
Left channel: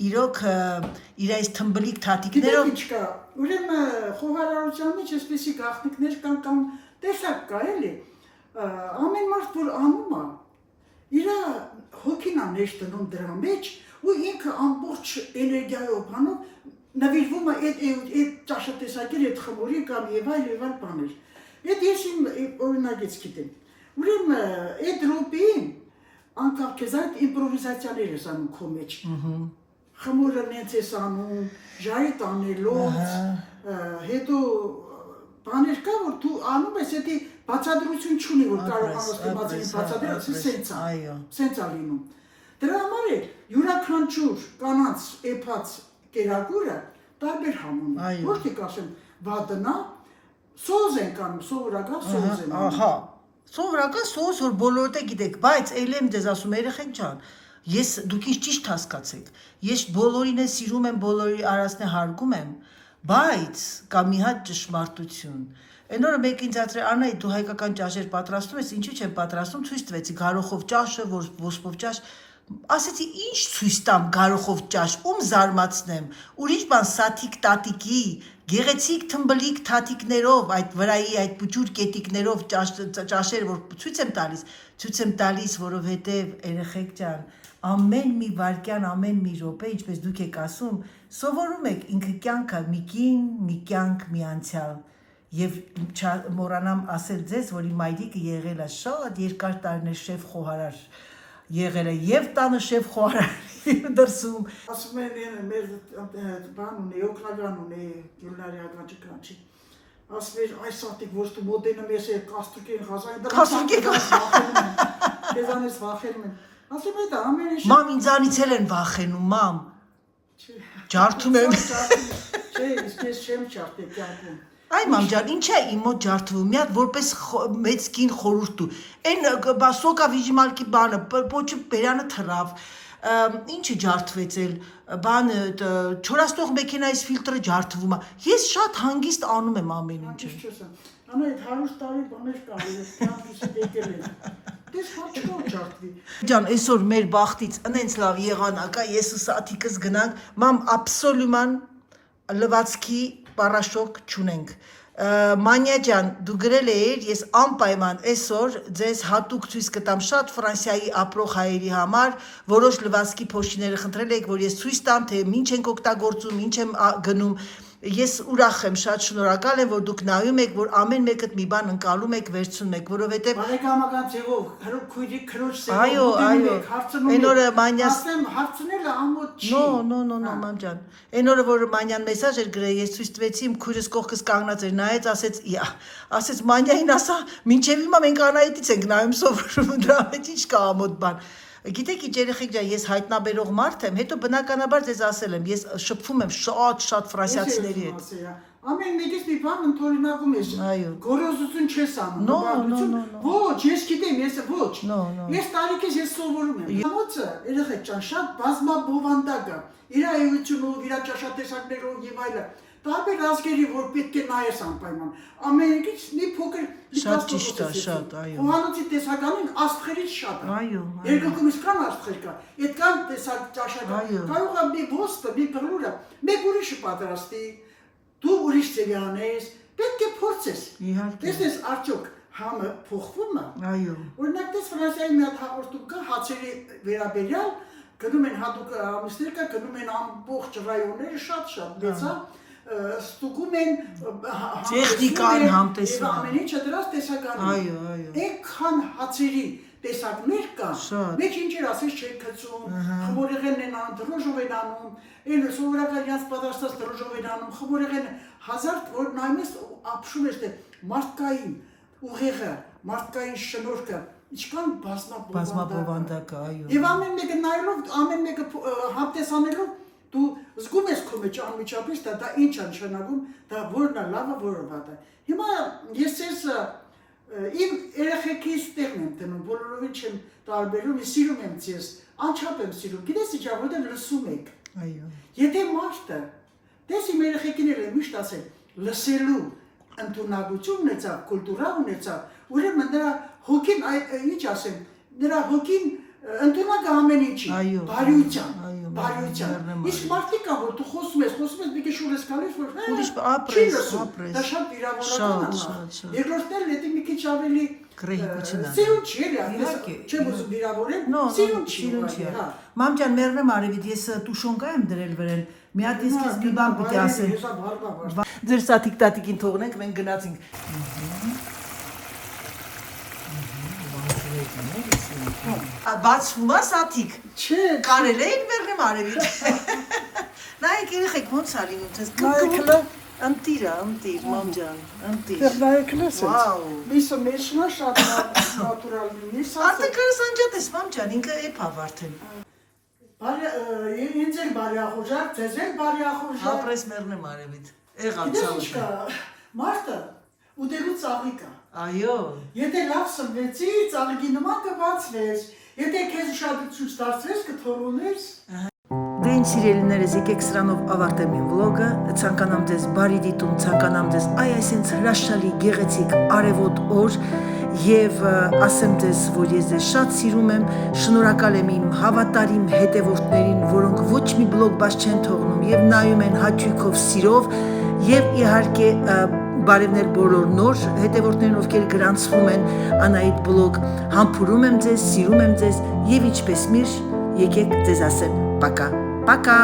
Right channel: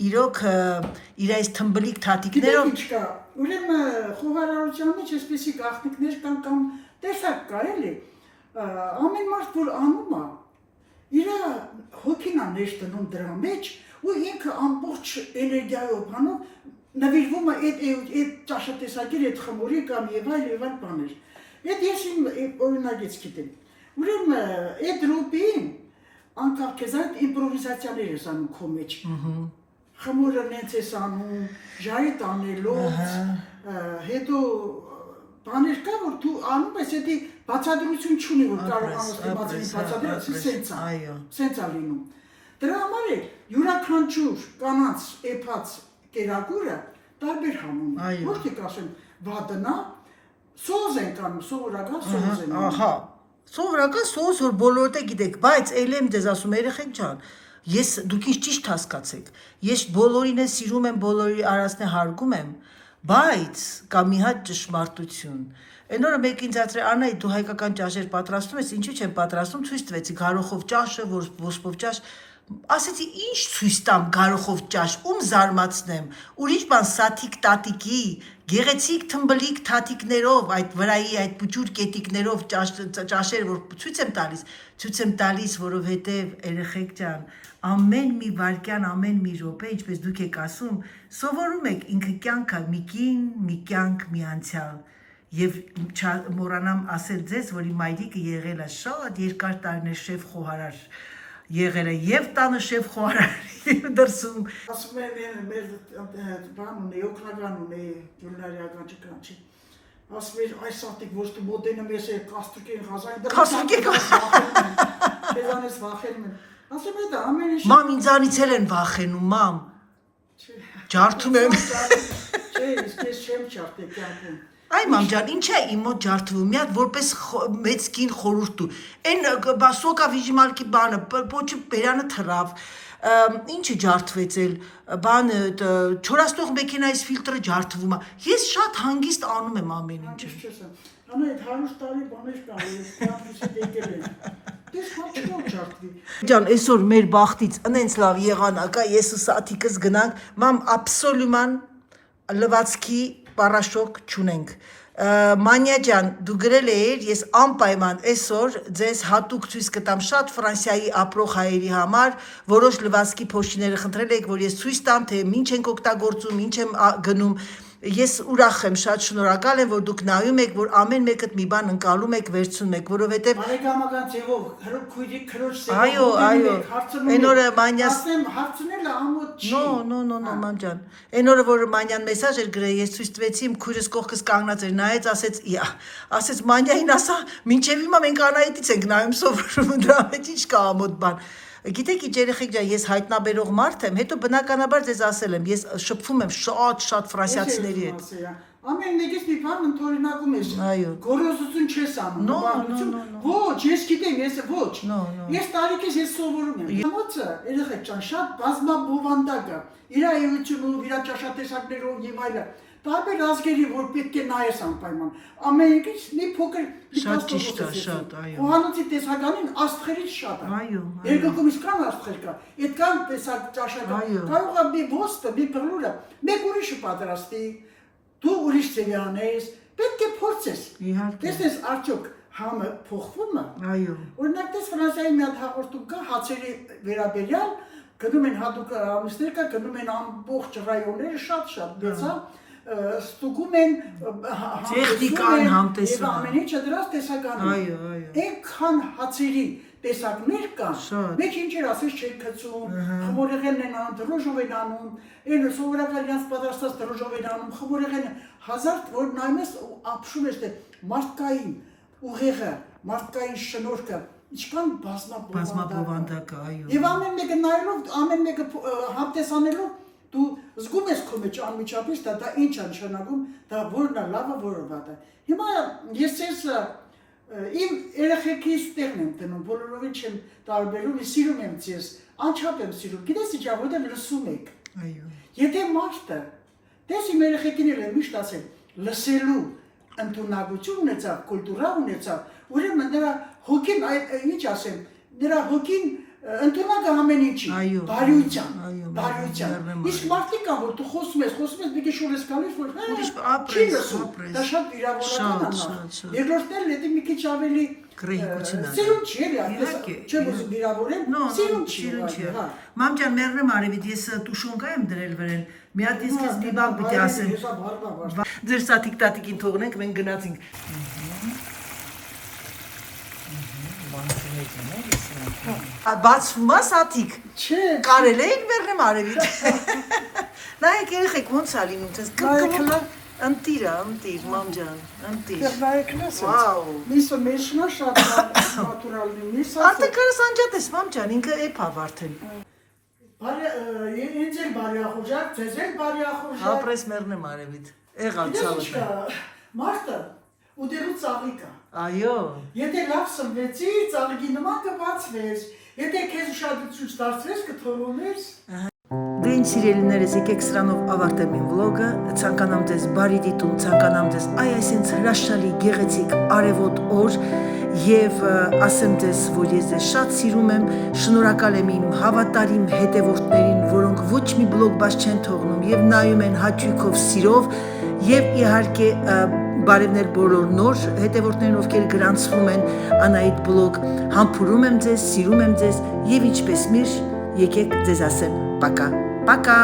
իրոք իր այս թմբլիկ թաթիկներով Գիտեք ինչ կա, ուրեմն խոհարարության մեջ այսպեսի գաղտնիքներ կամ տեսակ կա էլի, ամեն մարդ որ անում է, իր հոգին է ներս դնում դրա մեջ ու ինքը ամբողջ էներգիայով բանով նվիրվում է այդ ճաշատեսակի այդ խմորի կամ եւ այլ բաներ։ Այդ ես իմ օրինագից գիտեմ։ Ուրեմն այդ ռոպին անկախ քեզ այդ իմպրովիզացիաներ ես անում քո մեջ։ Խմորը նենց ես անում, ժայը տանելով, հետո բաներ կա, որ դու անում ես, հետի բացադրություն չունի, որ կարողանաս դիմացին բացադրություն, սենց ա լինում։ Դրա համար է յուրաքանչյուր կանանց էփած կերակուրը տարբեր համում է, ոչ թե կասեմ վադնա, սոզ են կանում, սովորական սոզ են անում։ Ահա, սովորական սոզ, որ բոլորդ է գիտեք, բայց էլ եմ ձեզ ասում, երեխեք ջան, դուք ինչ ճիշտ հասկացեք, ես բոլորին է սիրում եմ, բոլորի արածն է հարգում եմ, բայց կա մի հատ ճշմարտություն։ Այն օրը մեկ ինձ ասել Անայի դու հայկական ճաշեր պատրաստում ես, ինչու չեմ պատրաստում, ցույց տվեցի գարոխով ճաշը, ոսպով ճաշ, ասեցի ինչ ցույց տամ գարոխով ճաշ, ում զարմացնեմ, ուրիշ բան սաթիկ տատիկի, գեղեցիկ թմբլիկ թաթիկներով, այդ վրայի այդ փուճուր կետիկներով ճաշեր, որ ցույց եմ տալիս, որովհետև երեխեք ջան, ամեն մի վարքյան, ամեն մի րոպե, ինչպես դուք եք ասում, սովորում եք ինքը կյանքը մի կին, մի կյանք, մի անցյալ։ Եվ մոռանամ ասել ձեզ, որ իմ մայրիկը եղել է շատ երկար տարիներ շեֆ խոհարար եղել է եւ տանը շեֆ խոհարար դրսում։ Ասում են մեր բան ունի, օգնական ունի Գյուլնարի ականջի։ Ասում էր այս սատիկ ոչ դու մոդենը մեզ է կաստրկեն խազային։ Քեզանից վախենում են։ Ասում եմ դա ամեն ինչ։ Մամ ինձանից էլ են վախենում, մամ։ Ջարդում եմ։ Չէ, ես չեմ ջարդի կյանքում։ Այ մամ ջան, ինչ է իմ մոտ ջարդվում, մի հատ որպես մեծ կին խորհուրդ դու։ Այն սոկա վիժիմալքի բանը, պոչը բերանը թռավ։ Ինչը ջարդվեց էլ, բանը չորաստող մեքենայից ֆիլտրը ջարդվում է։ Ես շատ հանգիստ անում եմ ամեն ինչը։ Անա այդ 100 տարի բաներ կան, ես կյանքիս եկել եմ։ Դες քո չկա ջարդվի։ Ջան, այսօր մեր բախտից ինձ լավ եղանակ է, ես ու սաթիկս գնանք, մամ աբսոլյուման լվացքի պարաշոկ չունենք։ Մանյա ջան, դու գրել էիր, ես անպայման այսօր ձեզ հատուկ ցույց կտամ շատ Ֆրանսիայի ապրող հայերի համար, որոշ լվացքի փոշիները խնդրել եք, որ ես ցույց տամ, թե ինչ ենք օգտագործում, ինչ եմ գնում։ Ես ուրախ եմ, շատ շնորհակալ եմ, որ դուք նայում եք, որ ամեն մեկդ մի բան ընկալում եք, վերցնում եք, որովհետև բարեկամական ձևով քույրի քրոջ ձևով այո, այն օրը Մանյաս ասեմ հարցնելը ամոթ չի։ No, մամ ջան։ Այն օրը որ Մանյան մեսաժ էր գրել, ես ցույց տվեցի, իմ քույրս կողքս կանգնած էր, նայեց, ասեց Մանյային ասա, մինչև հիմա մենք Անահիտից ենք նայում սովորում, դրա մեջ ինչ կա ամոթ բան։ Գիտեք ինչ երեխեք ջան, ես հայտնաբերող մարդ եմ, հետո բնականաբար ձեզ ասել եմ, ես շփվում եմ շատ ֆրանսիացիների հետ։ Ամեն մեկից մի բան ընդօրինակում ես։ Այո։ Գորոզություն չես անում։ Ոչ, ես գիտեմ, ես ոչ։ Ես տարիքից ես սովորում եմ։ Համոցը, երեխեք ջան, շատ բազմաբովանդակ է։ Իր այությունով, իր ճաշատեսակներով եւ այլն։ Տարբեր ազգերի, որ պետք է նայես անպայման։ Ամենից մի փոքր Շատ ճիշտ է, շատ, այո։ Խոհանոցի տեսականին աստղերից շատ է։ Այո։ Երկկողմից կան աստղեր կա։ Այդ կան տեսակ ճաշակը։ Կարող է մի ոստը, մի բռնուրը, մեկ ուրիշը պատրաստի, դու ուրիշ ձևի անես, պետք է փորձես։ Իհարկե։ Տեսես արդյոք համը փոխվում է։ Այո։ Օրինակ դες Ֆրանսիայի մի հատ հաղորդում կա հացերի վերաբերյալ, գնում են հատուկ ամիսներ կա, գնում են ամբողջ ռայոնները շատ մեծա, ստուգում են տեխնիկան համտեսում։ Ամեն ինչը դրանց տեսականում։ Այո։ Այնքան հացերի տեսակներ կան, մեկ ինչեր ասես չեն գցում, խմորեղենն են անում, դրոժով են անում, այն սովորական յանց պատրաստած դրոժով են անում, խմորեղենը հազար որ նայում ես ապշում ես թե մարդկային ուղեղը, մարդկային շնորհքը, ինչքան բազմաբովանդակ է, այո։ Եվ ամեն մեկը նայելով, ամեն մեկը համտեսանելով դու զգում ես քո մեջ անմիջապես դա ինչ է նշանակում, դա որն է լավը, որը վատը։ Հիմա ես ես իմ երեխեքիս տեղն եմ տնում, բոլորովին չեմ տարբերում, ես սիրում եմ ձեզ, անչափ եմ սիրում, գիտես ինչա, որտեղ լսում եք։ Այո։ Եթե մարդը, դες իմ երեխեքին էլ եմ միշտ ասել, լսելու ընդունակություն ունեցավ, կուլտուրա ունեցավ, ուրեմն նրա հոգին, ինչ ասեմ, նրա հոգին ընդունակ է ամեն ինչի, բարյության։ Իսկ մարդիկ կան, որ դու խոսում ես, մի քիչ շուտ ես գալիս, որ չի լսում, դա շատ վիրավորական է։ Երկրորդն էլ դա մի քիչ ավելի սիրուն չի էլի, չեմ ուզում վիրավորել, սիրուն չի։ Մամ ջան, մեռնեմ արևիդ, ես տուշոնկա եմ դրել վրան, մի հատ ես քեզ մի բան պիտի ասեմ։ Ձեր սաթիկ տատիկին թողնենք, մենք գնացինք։ Բացվում է սաթիկ։ Չէ, կարել էին մեռնեմ արևիդ։ Նայեք երեխեք ոնց է լինում, տես ընտիր, մամ ջան, ընտիր։ Վաու։ Միսը մեջնա շատ նատուրալ լինի։ Արդեն կարս անջատես, մամ ջան, ինքը էփա վարդեն։ Ինձ էլ բարի ախորժակ, ձեզ էլ բարի ախորժակ։ Ապրես մեռնեմ արևիդ։ Եղավ ցավը։ Մարդը ուտելու ծաղիկ է։ Այո։ Եթե լավ սնվեցի, ծաղիկի նման կբացվես։ Եթե քեզ ուշադրություն դարձրես, կթողնես։ Դե ինչ սիրելիներս, եկեք սրանով ավարտեմ իմ վլոգը, ցանկանամ ձեզ բարի դիտում, ցանկանամ ձեզ այսինքն հրաշալի գեղեցիկ արևոտ օր եւ ասեմ ձեզ, որ ես ձեզ շատ սիրում եմ, շնորհակալ եմ իմ հավատարիմ հետևորդներին, որոնք ոչ մի բլոգ բաց չեն թողնում եւ նայում են հաճույքով, սիրով եւ իհարկե բարևներ բոլոր նոր հետևորդներին, ովքեր գրանցվում են Անահիտ բլոգ, համբուրում եմ ձեզ, սիրում եմ ձեզ եւ ինչպես միշտ եկեք ձեզ ասեմ, պակա, պակա։